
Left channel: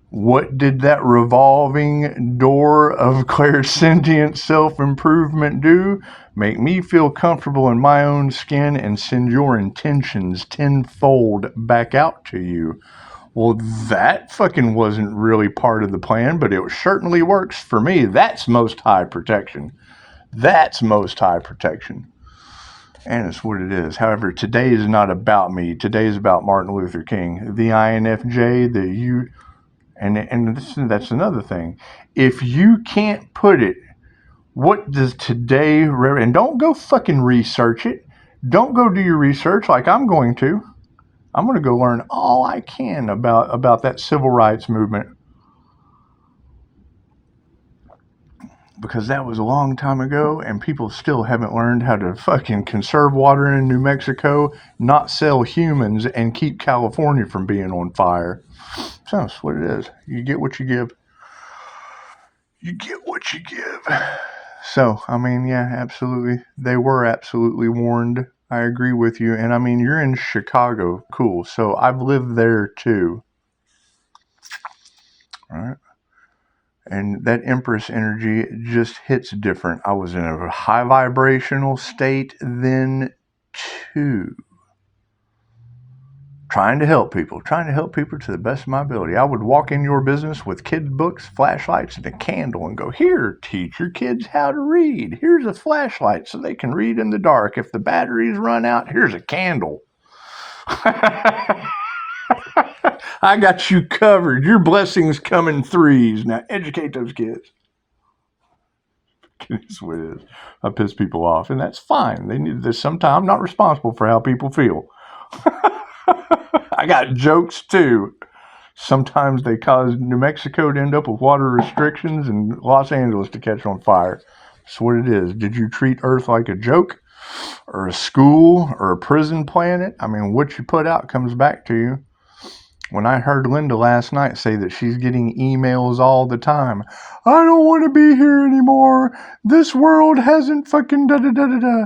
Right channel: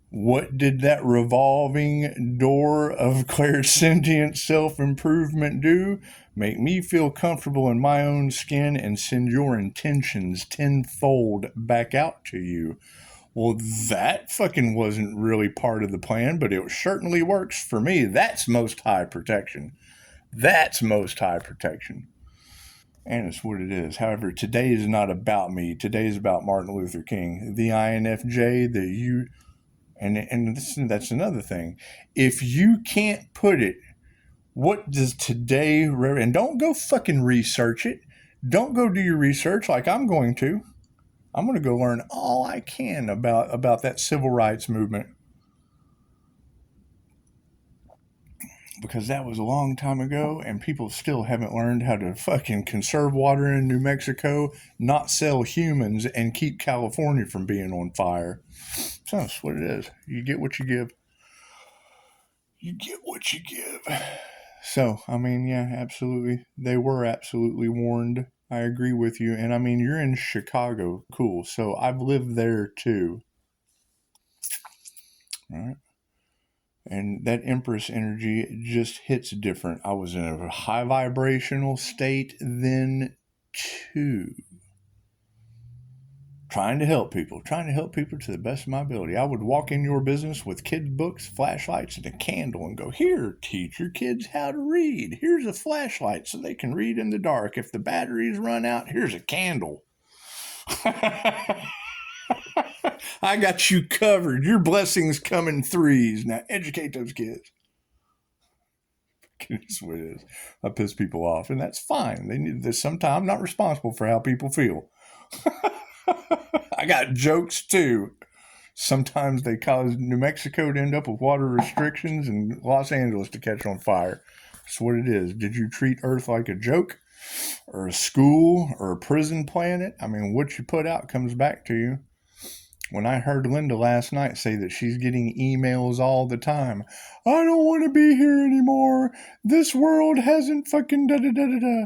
What did that revolving door of clairsentient self-improvement do? Make me feel comfortable in my own skin and send your intentions tenfold back out to you. Well, that fucking wasn't really part of the plan, but it certainly works for me. That's most high protection. That's most high protection. And it's what it is. However, today is not about me. Today is about Martin Luther King. The INFJ, that's another thing. If you can't put it, what does today, and don't go fucking research it. Don't go do your research like I'm going to. I'm going to go learn all I can about that civil rights movement. Because that was a long time ago, and people still haven't learned how to fucking conserve water in New Mexico, not sell humans, and keep California from being on fire. So that's what it is. You get what you give. You get what you give. So, I mean, yeah, absolutely. They were absolutely warned. I agree with you. And I mean, you're in Chicago. Cool. So I've lived there too. All right. And that Empress energy just hits different. I was in a high vibrational state then too. Trying to help people to the best of my ability. I would walk in your business with kids' books, flashlights, and a candle and go, here, teach your kids how to read. Here's a flashlight so they can read in the dark. If the batteries run out, here's a candle. I got you covered. Your blessings come in threes. Now educate those kids. It's what it is. I piss people off, and that's fine. They need this. Sometimes I'm not responsible for how people feel. I got jokes too. Sometimes they cause New Mexico to end up with water restrictions and Los Angeles to catch on fire. That's what it is. Did you treat Earth like a joke or a school or a prison planet? I mean, what you put out comes back to you. When I heard Linda last night say that she's getting emails all the time, I don't want to be here anymore. This world hasn't fucking da-da-da-da-da.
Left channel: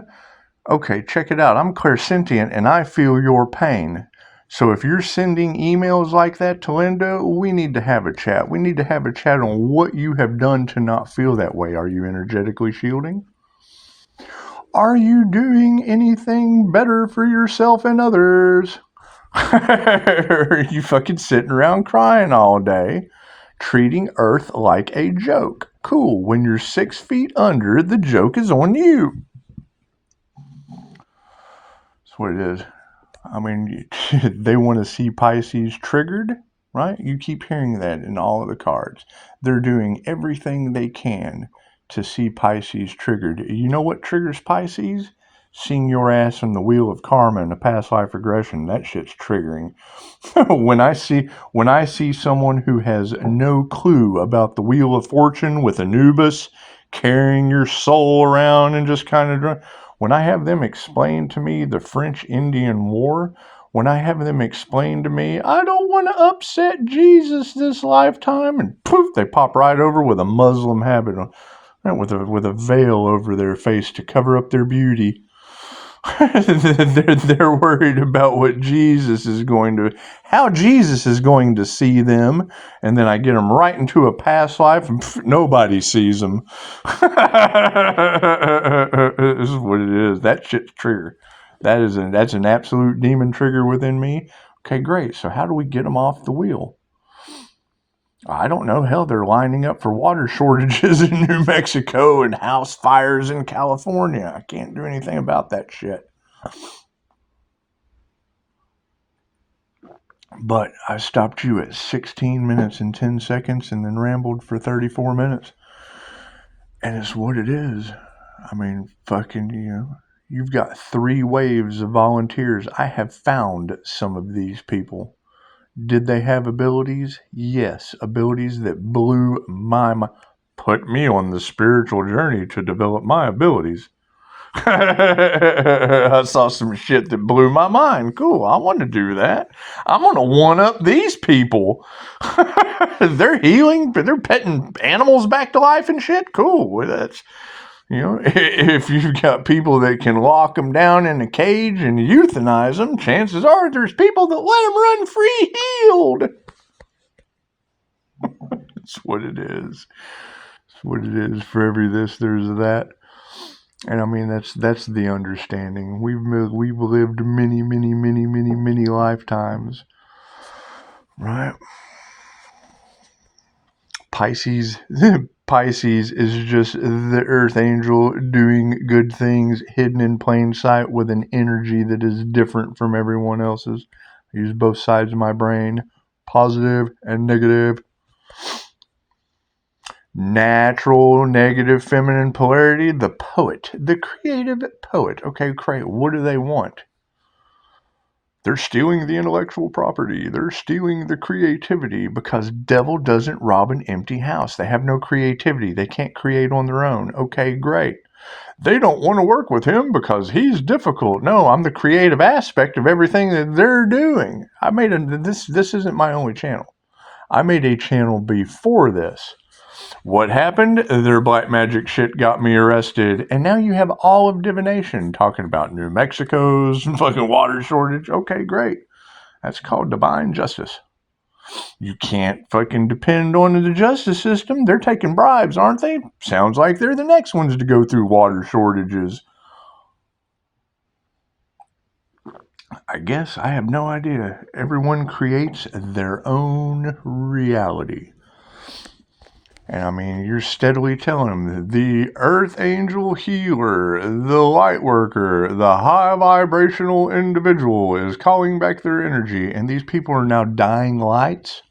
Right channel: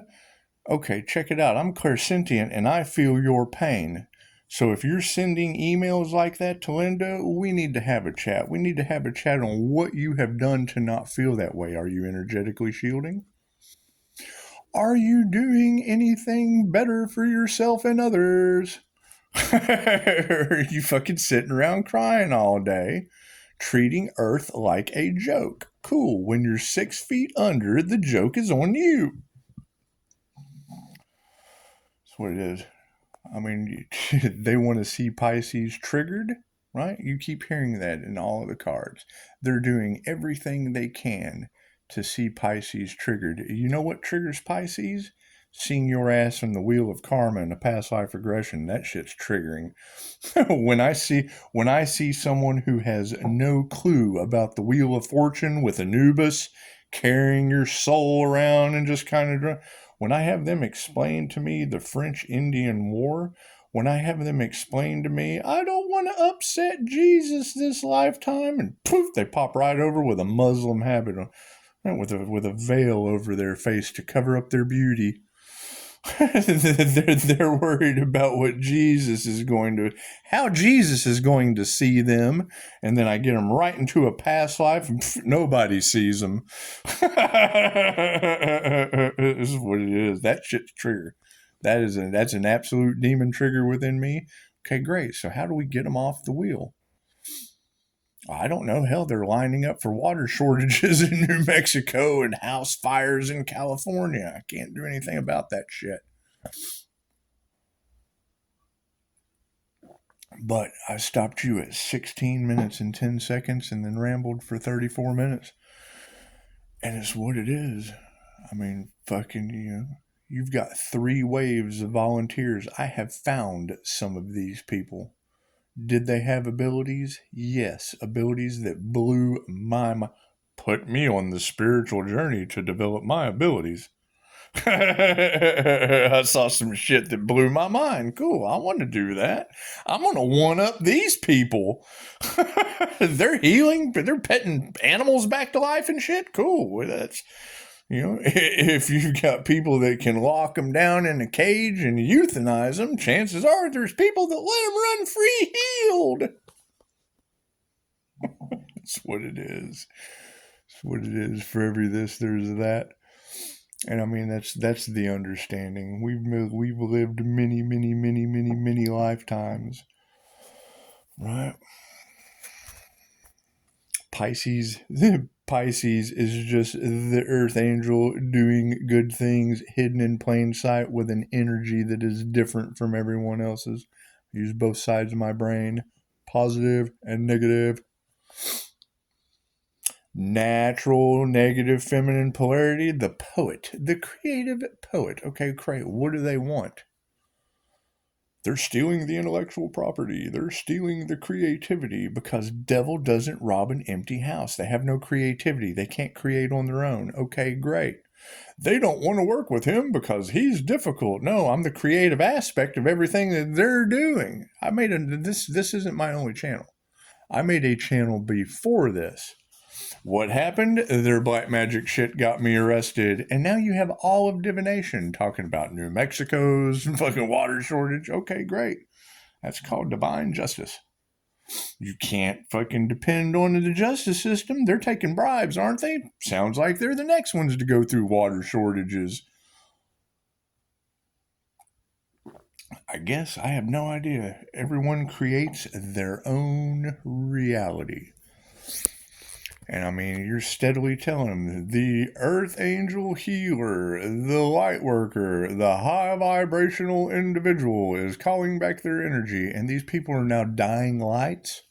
Okay, check it out. I'm clairsentient and I feel your pain. So if you're sending emails like that to Linda, we need to have a chat. We need to have a chat on what you have done to not feel that way. Are you energetically shielding? Are you doing anything better for yourself and others? Are you fucking sitting around crying all day, treating Earth like a joke? Cool. When you're 6 feet under, the joke is on you. That's what it is. I mean, they want to see Pisces triggered, right? You keep hearing that in all of the cards. They're doing everything they can to see Pisces triggered. You know what triggers Pisces? Seeing your ass in the wheel of karma and a past life regression. That shit's triggering. When I see someone who has no clue about the wheel of fortune with Anubis carrying your soul around and just kind of, when I have them explain to me the French-Indian War, when I have them explain to me, I don't want to upset Jesus this lifetime, and poof, they pop right over with a Muslim habit, with a veil over their face to cover up their beauty. They're worried about how Jesus is going to see them, and then I get them right into a past life, and nobody sees them. This is what it is. That shit's trigger. That's an absolute demon trigger within me. Okay, great. So how do we get them off the wheel? I don't know. Hell, they're lining up for water shortages in New Mexico and house fires in California. I can't do anything about that shit. But I stopped you at 16 minutes and 10 seconds and then rambled for 34 minutes. And it's what it is. I mean, fucking, you've got 3 waves of volunteers. I have found some of these people. Did they have abilities? Yes, abilities that blew my mind. Put me on the spiritual journey to develop my abilities. I saw some shit that blew my mind. Cool, I want to do that. I'm going to one up these people. They're healing, they're petting animals back to life and shit. Cool. That's, if you've got people that can lock them down in a cage and euthanize them, chances are there's people that let them run free healed. That's what it is. That's what it is. For every this, there's that. And I mean, that's the understanding. We've lived many lifetimes, right? Pisces is just the earth angel doing good things hidden in plain sight with an energy that is different from everyone else's. I use both sides of my brain, positive and negative. Natural, negative, feminine polarity, the poet, the creative poet. Okay, great. What do they want? They're stealing the intellectual property. They're stealing the creativity because devil doesn't rob an empty house. They have no creativity. They can't create on their own. Okay, great. They don't want to work with him because he's difficult. No, I'm the creative aspect of everything that they're doing. This isn't my only channel. I made a channel before this. What happened? Their black magic shit got me arrested. And now you have all of divination talking about New Mexico's fucking water shortage. Okay, great. That's called divine justice. You can't fucking depend on the justice system. They're taking bribes, aren't they? Sounds like they're the next ones to go through water shortages. I guess I have no idea. Everyone creates their own reality. And I mean, you're steadily telling them the earth angel healer, the light worker, the high vibrational individual is calling back their energy, and these people are now dying lights.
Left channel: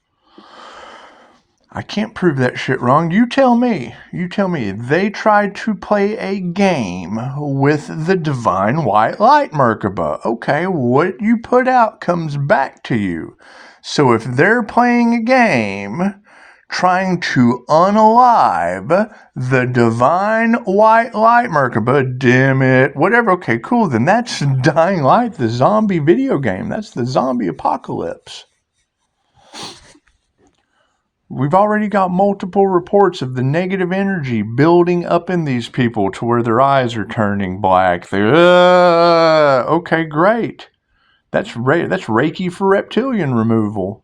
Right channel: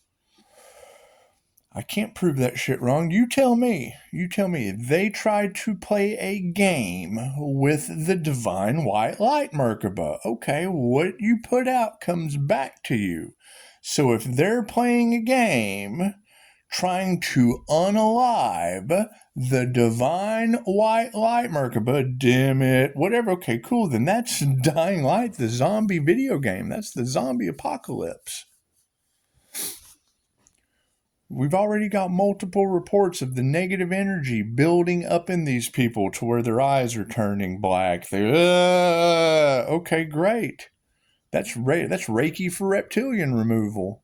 I can't prove that shit wrong. You tell me. They tried to play a game with the divine white light Merkaba. Okay, what you put out comes back to you. So if they're playing a game trying to unalive the divine white light Merkaba, dim it, whatever. Okay, cool. Then that's Dying Light, the zombie video game. That's the zombie apocalypse. We've already got multiple reports of the negative energy building up in these people to where their eyes are turning black. Okay, great. That's Reiki for reptilian removal.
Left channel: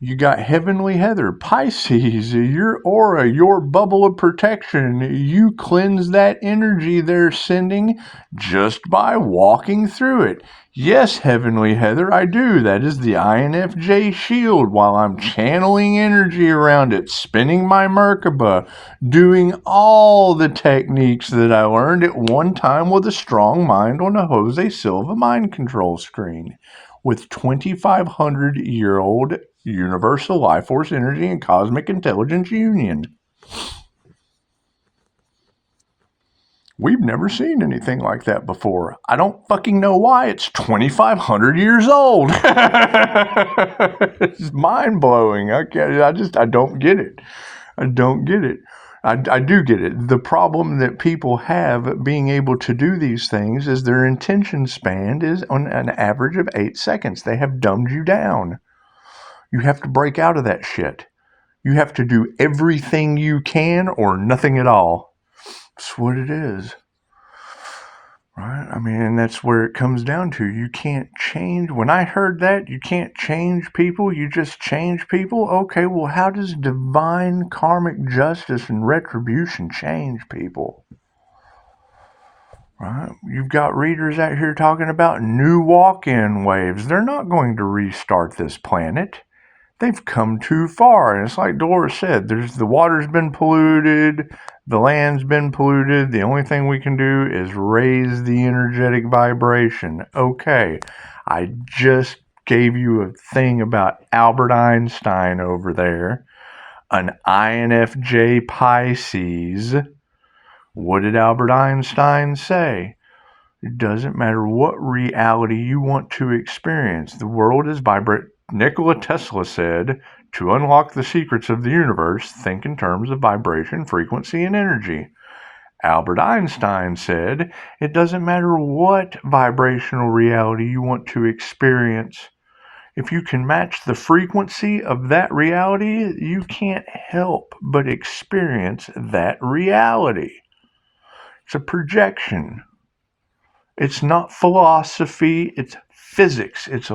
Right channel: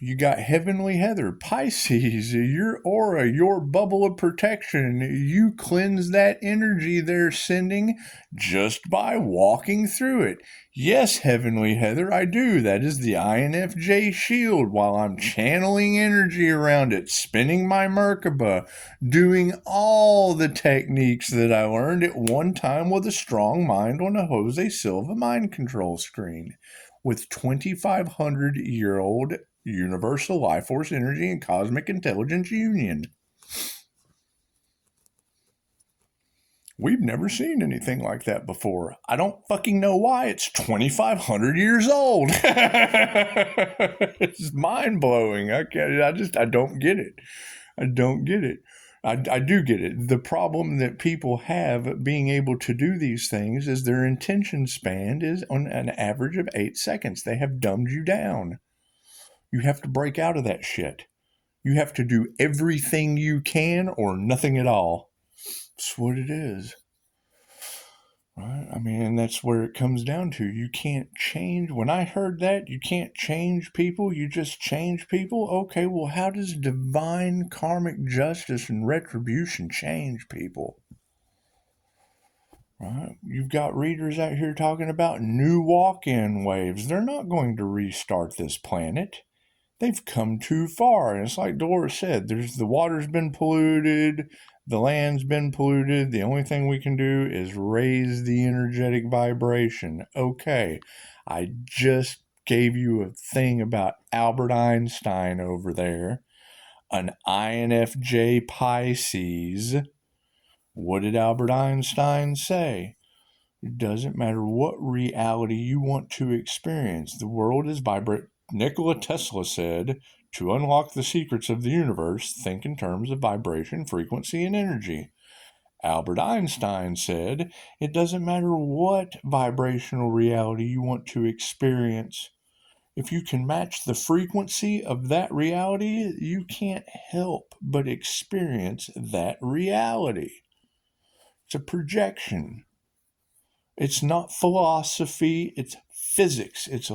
You got Heavenly Heather, Pisces, your aura, your bubble of protection. You cleanse that energy they're sending just by walking through it. Yes, Heavenly Heather, I do. That is the INFJ shield while I'm channeling energy around it, spinning my Merkaba, doing all the techniques that I learned at one time with a strong mind on a Jose Silva mind control screen with 2,500-year-old universal life force energy and cosmic intelligence union. We've never seen anything like that before. I don't fucking know why. It's 2,500 years old. It's mind-blowing. I don't get it. I don't get it. I do get it. The problem that people have being able to do these things is their attention span is on an average of 8 seconds. They have dumbed you down. You have to break out of that shit. You have to do everything you can or nothing at all. That's what it is. Right? I mean, and that's where it comes down to. You can't change. When I heard that, you can't change people, you just change people. Okay, well, how does divine karmic justice and retribution change people? Right? You've got readers out here talking about new walk-in waves. They're not going to restart this planet. They've come too far. And it's like Dolores said, the water's been polluted, the land's been polluted. The only thing we can do is raise the energetic vibration. Okay, I just gave you a thing about Albert Einstein over there, an INFJ Pisces. What did Albert Einstein say? It doesn't matter what reality you want to experience. The world is vibrant. Nikola Tesla said, to unlock the secrets of the universe, think in terms of vibration, frequency, and energy. Albert Einstein said, it doesn't matter what vibrational reality you want to experience. If you can match the frequency of that reality, you can't help but experience that reality. It's a projection. It's not philosophy, it's physics. It's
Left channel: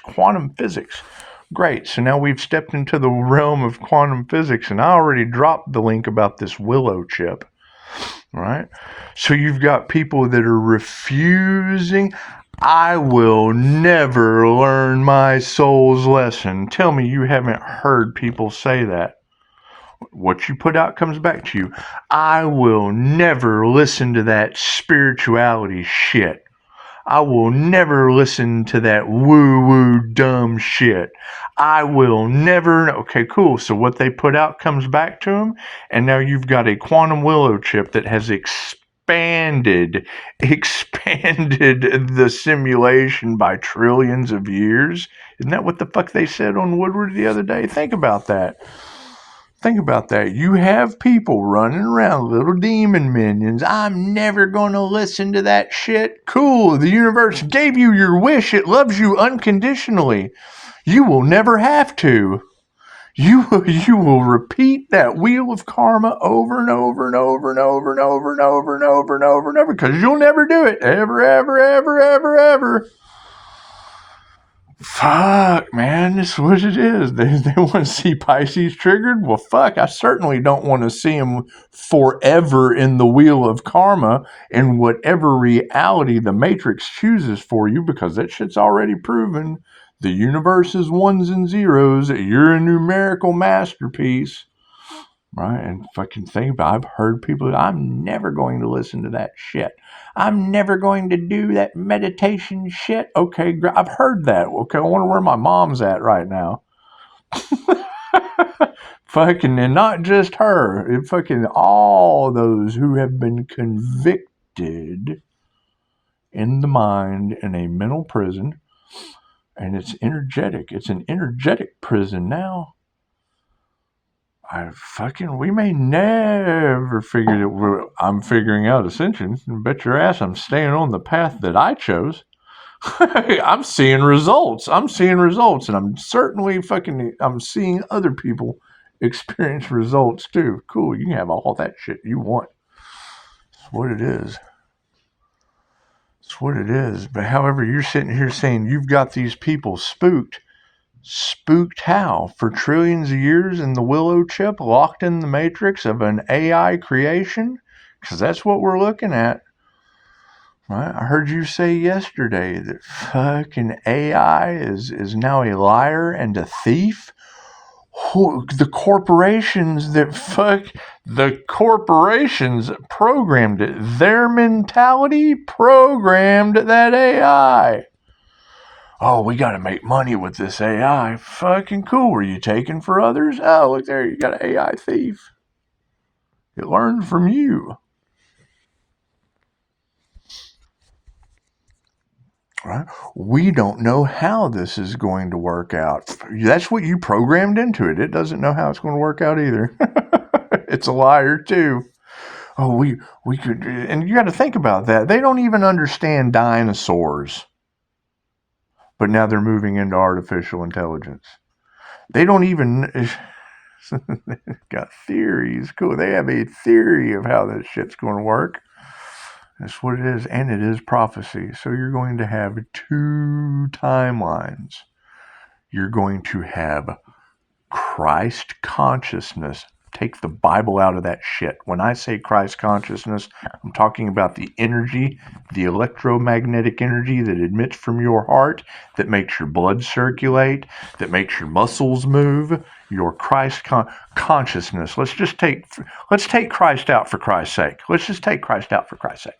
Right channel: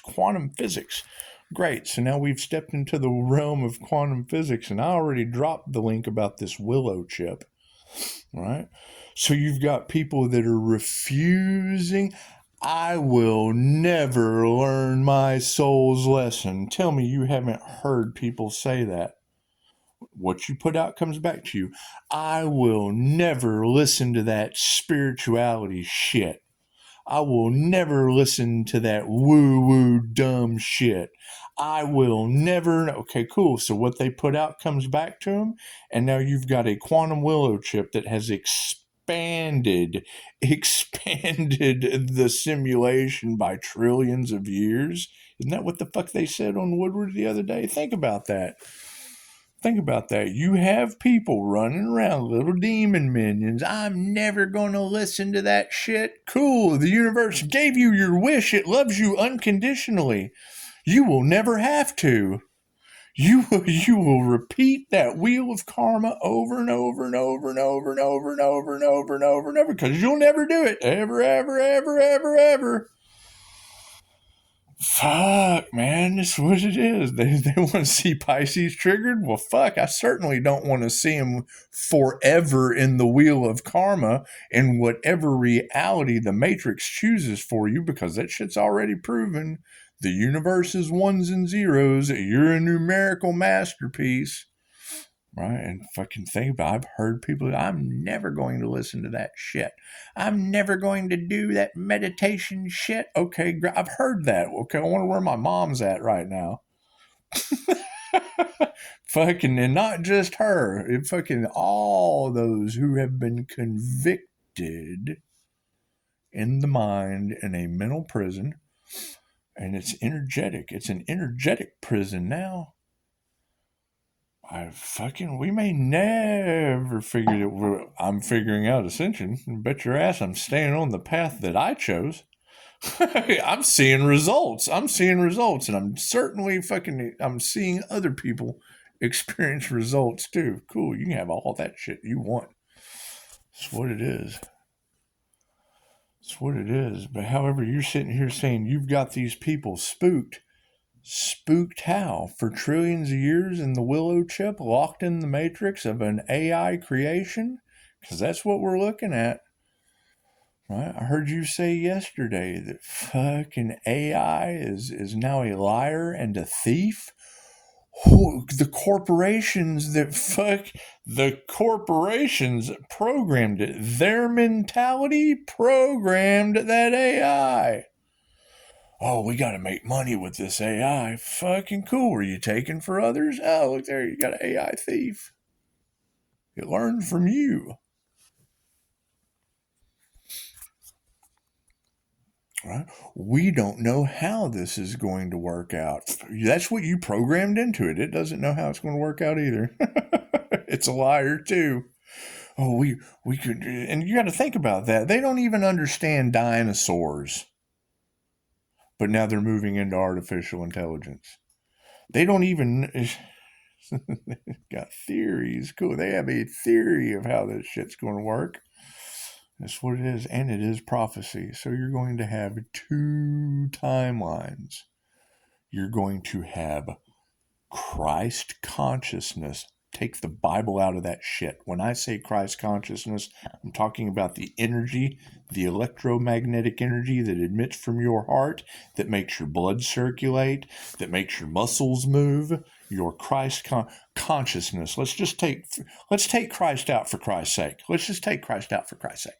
quantum physics. Great. So now we've stepped into the realm of quantum physics, and I already dropped the link about this willow chip. Right? So you've got people that are refusing. I will never learn my soul's lesson. Tell me you haven't heard people say that. What you put out comes back to you. I will never listen to that spirituality shit. I will never listen to that woo-woo dumb shit. I will never. Okay, cool. So what they put out comes back to them, and now you've got a quantum willow chip that has expanded the simulation by trillions of years. Isn't that what the fuck they said on Woodward the other day? Think about that. Think about that. You have people running around, little demon minions. I'm never going to listen to that shit. Cool. The universe gave you your wish. It loves you unconditionally. You will never have to. You will repeat that wheel of karma over and over and over and over and over and over and over and over and over because you'll never do it. Ever, ever, ever, ever, ever. Fuck, man, this is what it is. They want to see Pisces triggered? Well, fuck, I certainly don't want to see them forever in the wheel of karma in whatever reality the Matrix chooses for you because that shit's already proven. The universe is ones and zeros. You're a numerical masterpiece. Right? And fucking think about it. I've heard people, I'm never going to listen to that shit. I'm never going to do that meditation shit. Okay, I've heard that. Okay, I wonder where my mom's at right now. Fucking, and not just her. Fucking all those who have been convicted in the mind in a mental prison. And it's energetic. It's an energetic prison now. We may never figure it. I'm figuring out ascension. Bet your ass I'm staying on the path that I chose. I'm seeing results. And I'm certainly I'm seeing other people experience results too. Cool. You can have all that shit you want. It's what it is. It's what it is. But however, you're sitting here saying you've got these people spooked. Spooked how? For trillions of years in the willow chip, locked in the matrix of an AI creation? Because that's what we're looking at. Right? I heard you say yesterday that fucking AI is now a liar and a thief. The corporations programmed it. Their mentality programmed that AI. Oh, we got to make money with this AI. Fucking cool. Were you taking for others? Oh, look there. You got an AI thief. It learned from you. Right? We don't know how this is going to work out. That's what you programmed into it. It doesn't know how it's going to work out either. It's a liar too. Oh, we could, and you got to think about that. They don't even understand dinosaurs. But now they're moving into artificial intelligence. They don't even got theories. Cool. They have a theory of how this shit's going to work. That's what it is. And it is prophecy. So you're going to have two timelines. You're going to have Christ consciousness. Take the Bible out of that shit. When I say Christ consciousness, I'm talking about the energy, the electromagnetic energy that emits from your heart, that makes your blood circulate, that makes your muscles move. Your Christ consciousness. Let's take Christ out for Christ's sake. Let's just take Christ out for Christ's sake.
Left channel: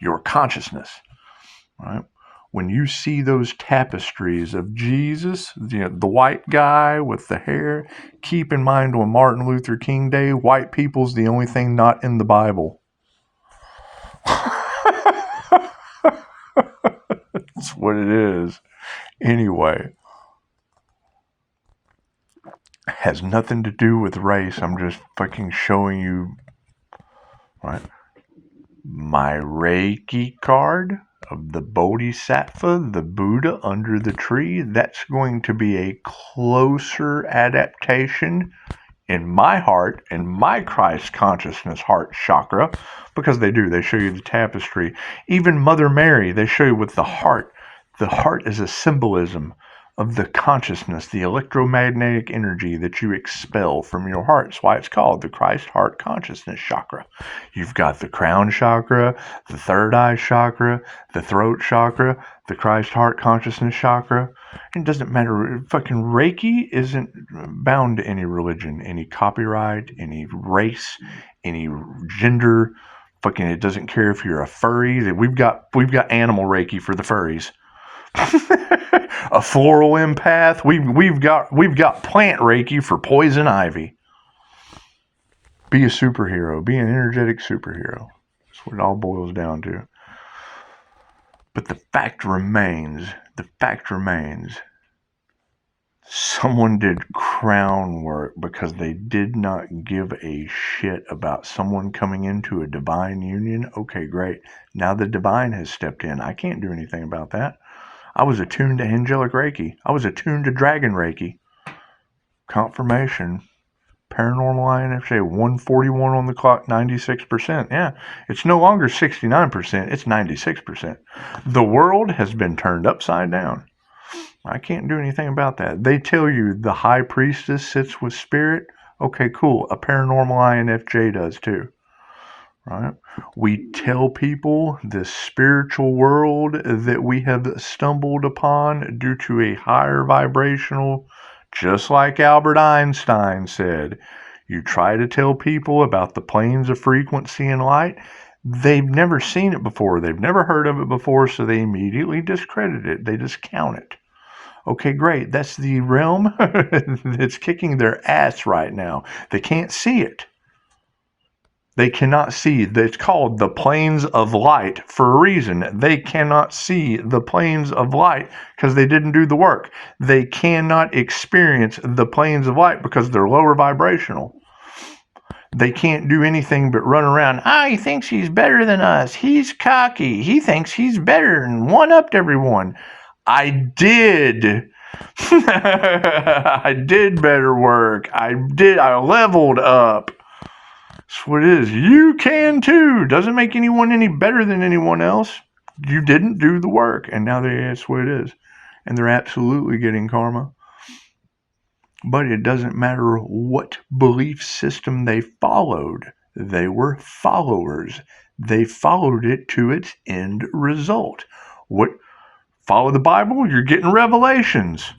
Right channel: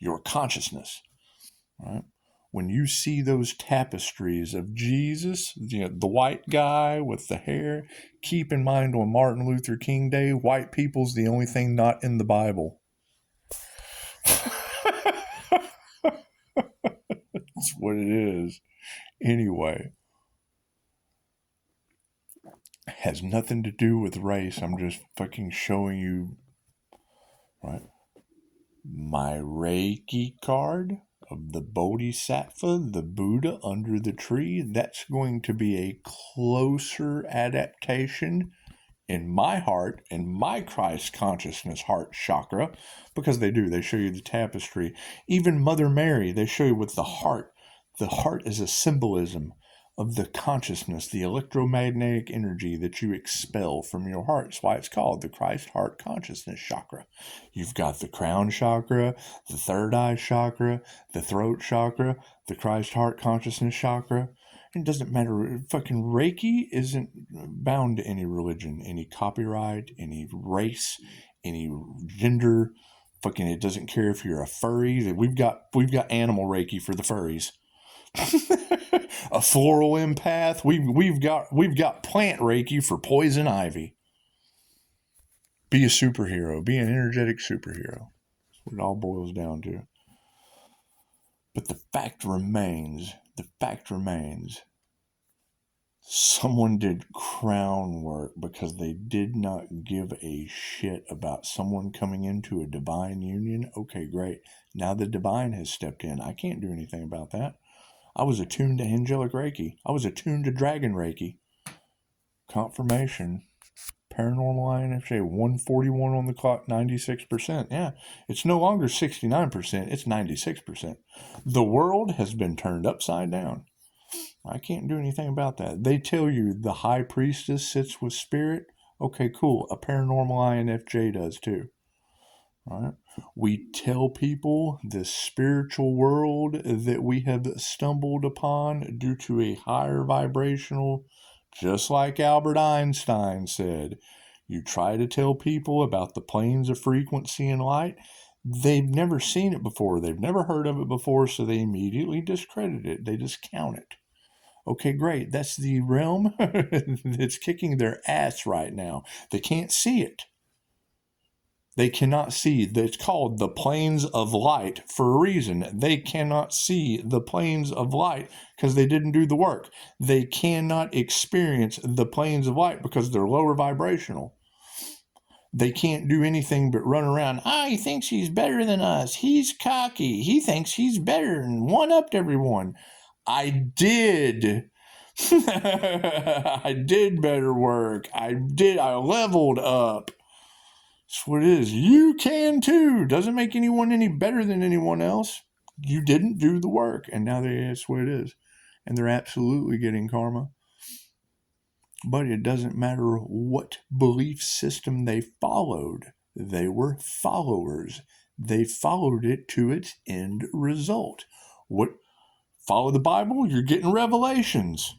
Your consciousness, right? When you see those tapestries of Jesus, the white guy with the hair, keep in mind on Martin Luther King Day, white people's the only thing not in the Bible. That's what it is. Anyway, it has nothing to do with race. I'm just fucking showing you, right? My Reiki card of the Bodhisattva, the Buddha under the tree, that's going to be a closer adaptation in my heart, in my Christ consciousness heart chakra, because they show you the tapestry. Even Mother Mary, they show you with the heart. The heart is a symbolism of the consciousness, the electromagnetic energy that you expel from your heart. That's why it's called the Christ heart consciousness chakra. You've got the crown chakra, the third eye chakra, the throat chakra, the Christ heart consciousness chakra. It doesn't matter. Fucking Reiki isn't bound to any religion, any copyright, any race, any gender. Fucking, it doesn't care if you're a furry. We've got animal Reiki for the furries. A floral empath. We've got plant Reiki for poison ivy. Be a superhero. Be an energetic superhero. That's what it all boils down to. But the fact remains, someone did crown work because they did not give a shit about someone coming into a divine union. Okay, great. Now the divine has stepped in. I can't do anything about that. I was attuned to angelic Reiki. I was attuned to dragon Reiki. Confirmation. Paranormal INFJ, 141 on the clock, 96%. Yeah, it's no longer 69%, it's 96%. The world has been turned upside down. I can't do anything about that. They tell you the high priestess sits with spirit. Okay, cool. A paranormal INFJ does too. Right? We tell people the spiritual world that we have stumbled upon due to a higher vibrational, just like Albert Einstein said. You try to tell people about the planes of frequency and light, they've never seen it before, they've never heard of it before, so they immediately discredit it, they discount it. Okay, great, that's the realm that's kicking their ass right now. They can't see it. They cannot see. It's called the planes of light for a reason. They cannot see the planes of light because they didn't do the work. They cannot experience the planes of light because they're lower vibrational. They can't do anything but run around. He thinks he's better than us. He's cocky. He thinks he's better and one-upped everyone. I did. I did better work. I leveled up. That's what it is. You can too. Doesn't make anyone any better than anyone else. You didn't do the work, and now that's what it is. And they're absolutely getting karma. But it doesn't matter what belief system they followed. They were followers. They followed it to its end result. Follow the Bible? You're getting revelations.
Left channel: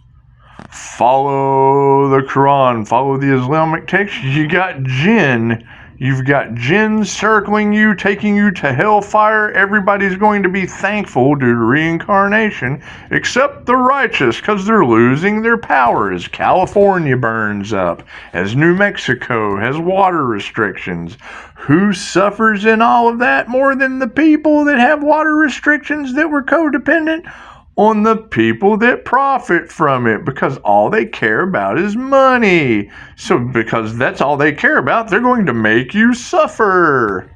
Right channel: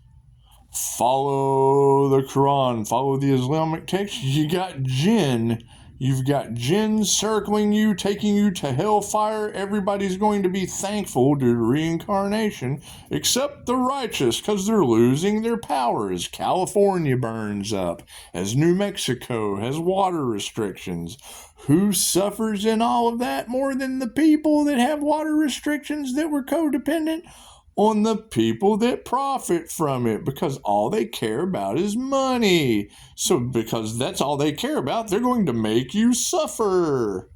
Follow the Quran, follow the Islamic text, you got jinn. You've got jinn circling you, taking you to hellfire. Everybody's going to be thankful due to reincarnation, except the righteous, because they're losing their power as California burns up, as New Mexico has water restrictions. Who suffers in all of that more than the people that have water restrictions that were codependent? On the people that profit from it, because all they care about is money. So because that's all they care about, they're going to make you suffer.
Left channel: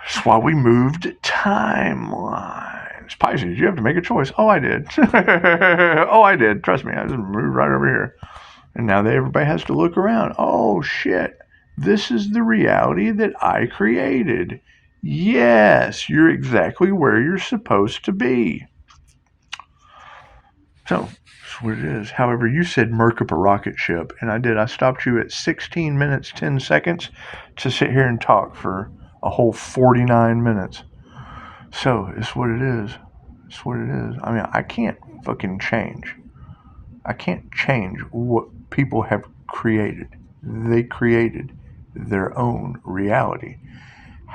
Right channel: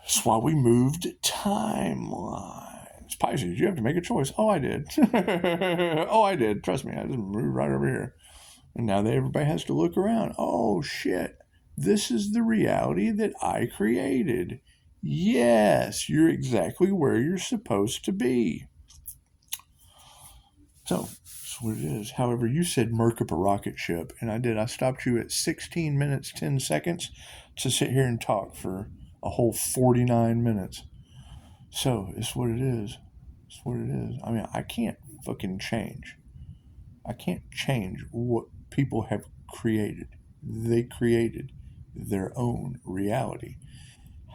That's why we moved timelines. Pisces, you have to make a choice. Oh, I did. Oh, I did. Trust me, I just moved right over here. And now everybody has to look around. Oh, shit. This is the reality that I created. Yes, you're exactly where you're supposed to be. So, that's what it is. However, you said murk up a rocket ship, and I did. I stopped you at 16 minutes, 10 seconds to sit here and talk for a whole 49 minutes. So, it's what it is. It's what it is. I mean, I can't fucking change. I can't change what people have created. They created their own reality.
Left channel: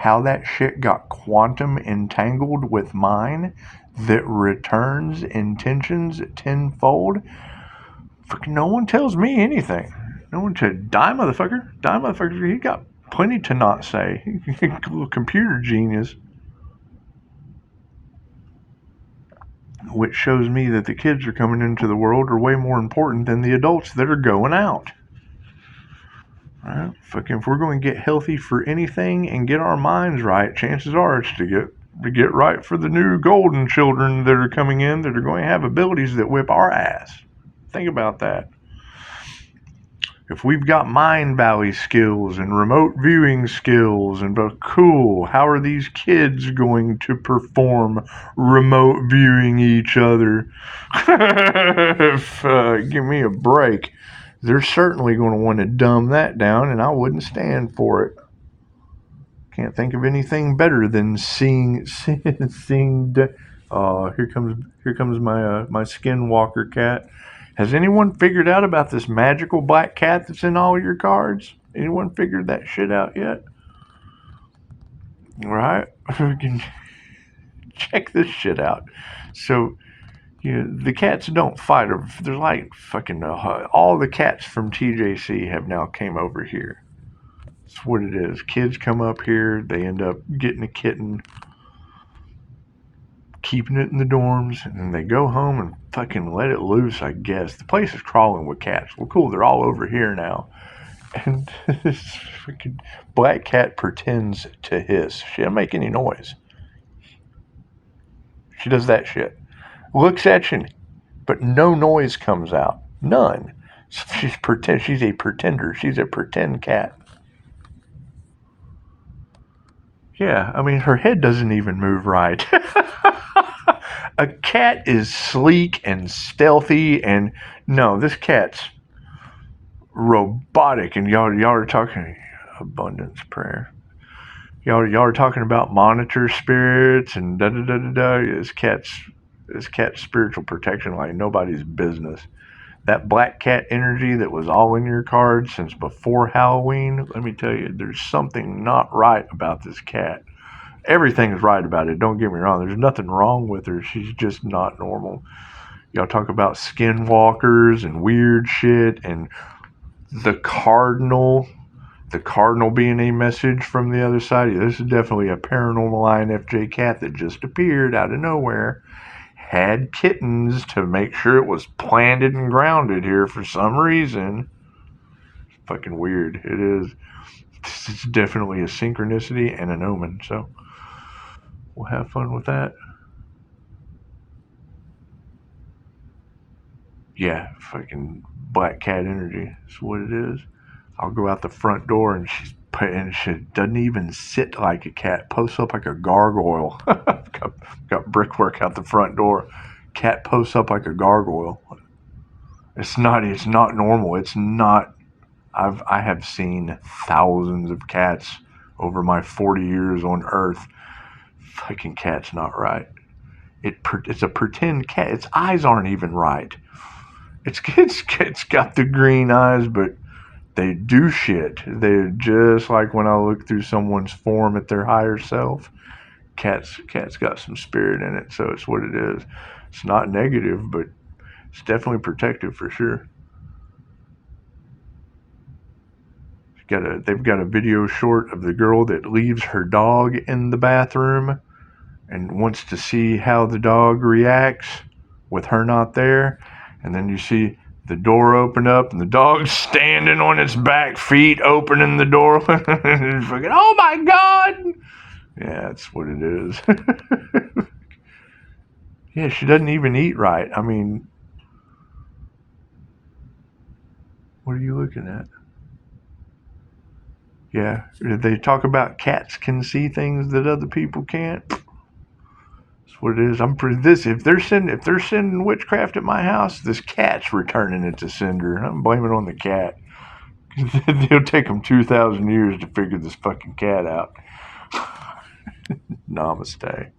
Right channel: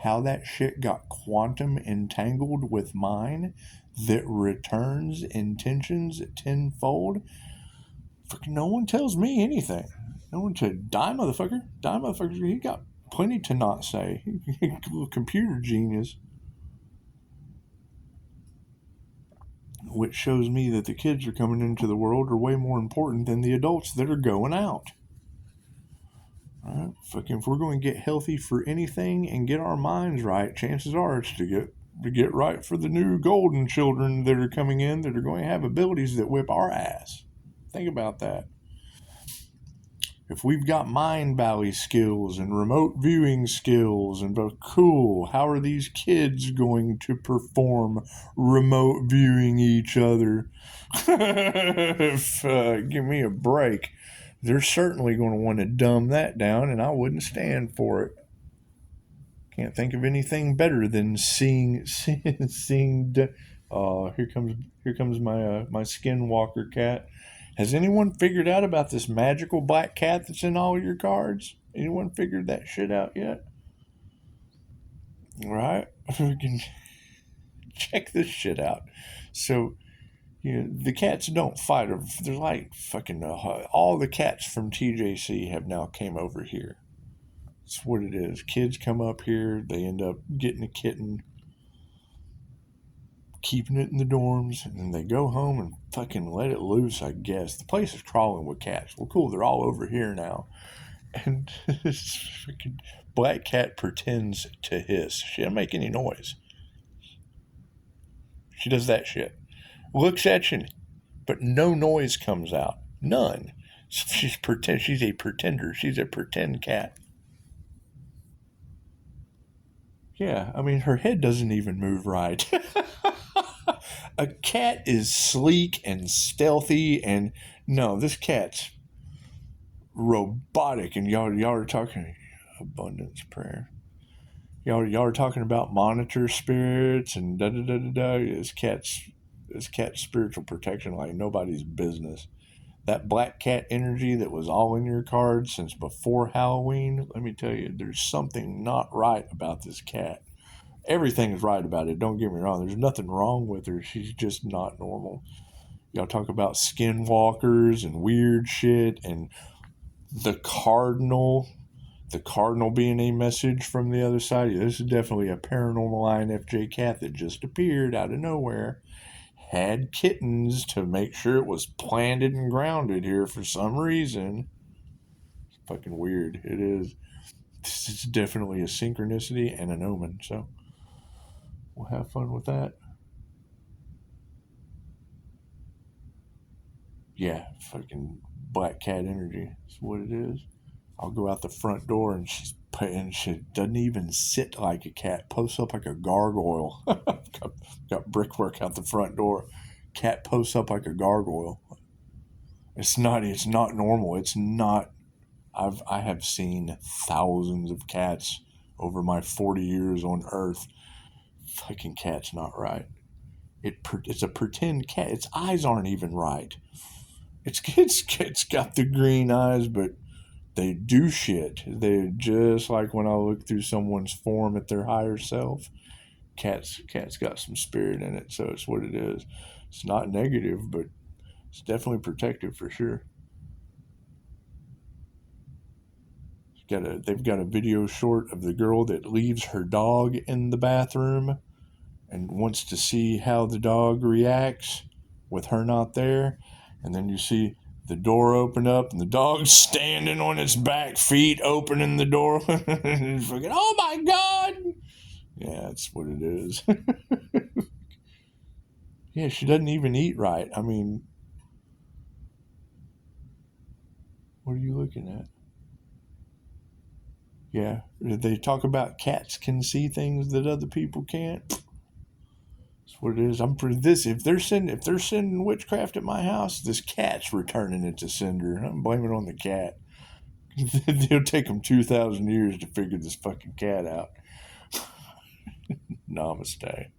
How that shit got quantum entangled with mine that returns intentions tenfold. Fucking no one tells me anything. No one to die motherfucker. He got plenty to not say. Little computer genius. Which shows me that the kids are coming into the world are way more important than the adults that are going out. Right? Fucking, if we're going to get healthy for anything and get our minds right, chances are it's to get right for the new golden children that are coming in that are going to have abilities that whip our ass. Think about that. If we've got mind valley skills and remote viewing skills, and cool, how are these kids going to perform remote viewing each other? Give me a break. They're certainly going to want to dumb that down, and I wouldn't stand for it. Can't think of anything better than seeing. Oh, here comes my skinwalker cat. Has anyone figured out about this magical black cat that's in all your cards? Anyone figured that shit out yet? Right? Check this shit out. So, the cats don't fight. They're like fucking all the cats from TJC have now came over here. That's what it is. Kids come up here, they end up getting a kitten, keeping it in the dorms, and then they go home and fucking let it loose, I guess. The place is crawling with cats. Well, cool, they're all over here now. And this fucking black cat pretends to hiss. She doesn't make any noise. She does that shit. Looks at you, but no noise comes out. None. She's a pretender. She's a pretend cat. Yeah, I mean, her head doesn't even move right. A cat is sleek and stealthy, and no, this cat's robotic. And y'all are talking abundance prayer. Y'all are talking about monitor spirits and da da da da da. This cat's spiritual protection like nobody's business. That black cat energy that was all in your cards since before Halloween, let me tell you, there's something not right about this cat. Everything's right about it, don't get me wrong. There's nothing wrong with her. She's just not normal. Y'all talk about skinwalkers and weird shit, and the cardinal being a message from the other side. Yeah, this is definitely a paranormal INFJ cat that just appeared out of nowhere. Had kittens to make sure it was planted and grounded here for some reason. It's fucking weird. It is. It's definitely a synchronicity and an omen. So we'll have fun with that. Yeah, fucking black cat energy. That's what it is. I'll go out the front door and she doesn't even sit like a cat. Posts up like a gargoyle. got brickwork out the front door. Cat posts up like a gargoyle. It's not normal. It's not. I have seen thousands of cats over my 40 years on Earth. Fucking cat's not right. It's a pretend cat. Its eyes aren't even right. It's got the green eyes, but they do shit. They're just like when I look through someone's form at their higher self. Cat's got some spirit in it, so it's what it is. It's not negative, but it's definitely protective for sure. They've got a video short of the girl that leaves her dog in the bathroom and wants to see how the dog reacts with her not there. And then you see the door open up and the dog's standing on its back feet opening the door. And it's fucking, oh my God! Yeah, that's what it is. Yeah, she doesn't even eat right. I mean, what are you looking at? Yeah, they talk about cats can see things that other people can't. That's what it is. I'm pretty if they're sending witchcraft at my house, this cat's returning it to sender. I'm blaming it on the cat. It'll take them 2,000 years to figure this fucking cat out. Namaste.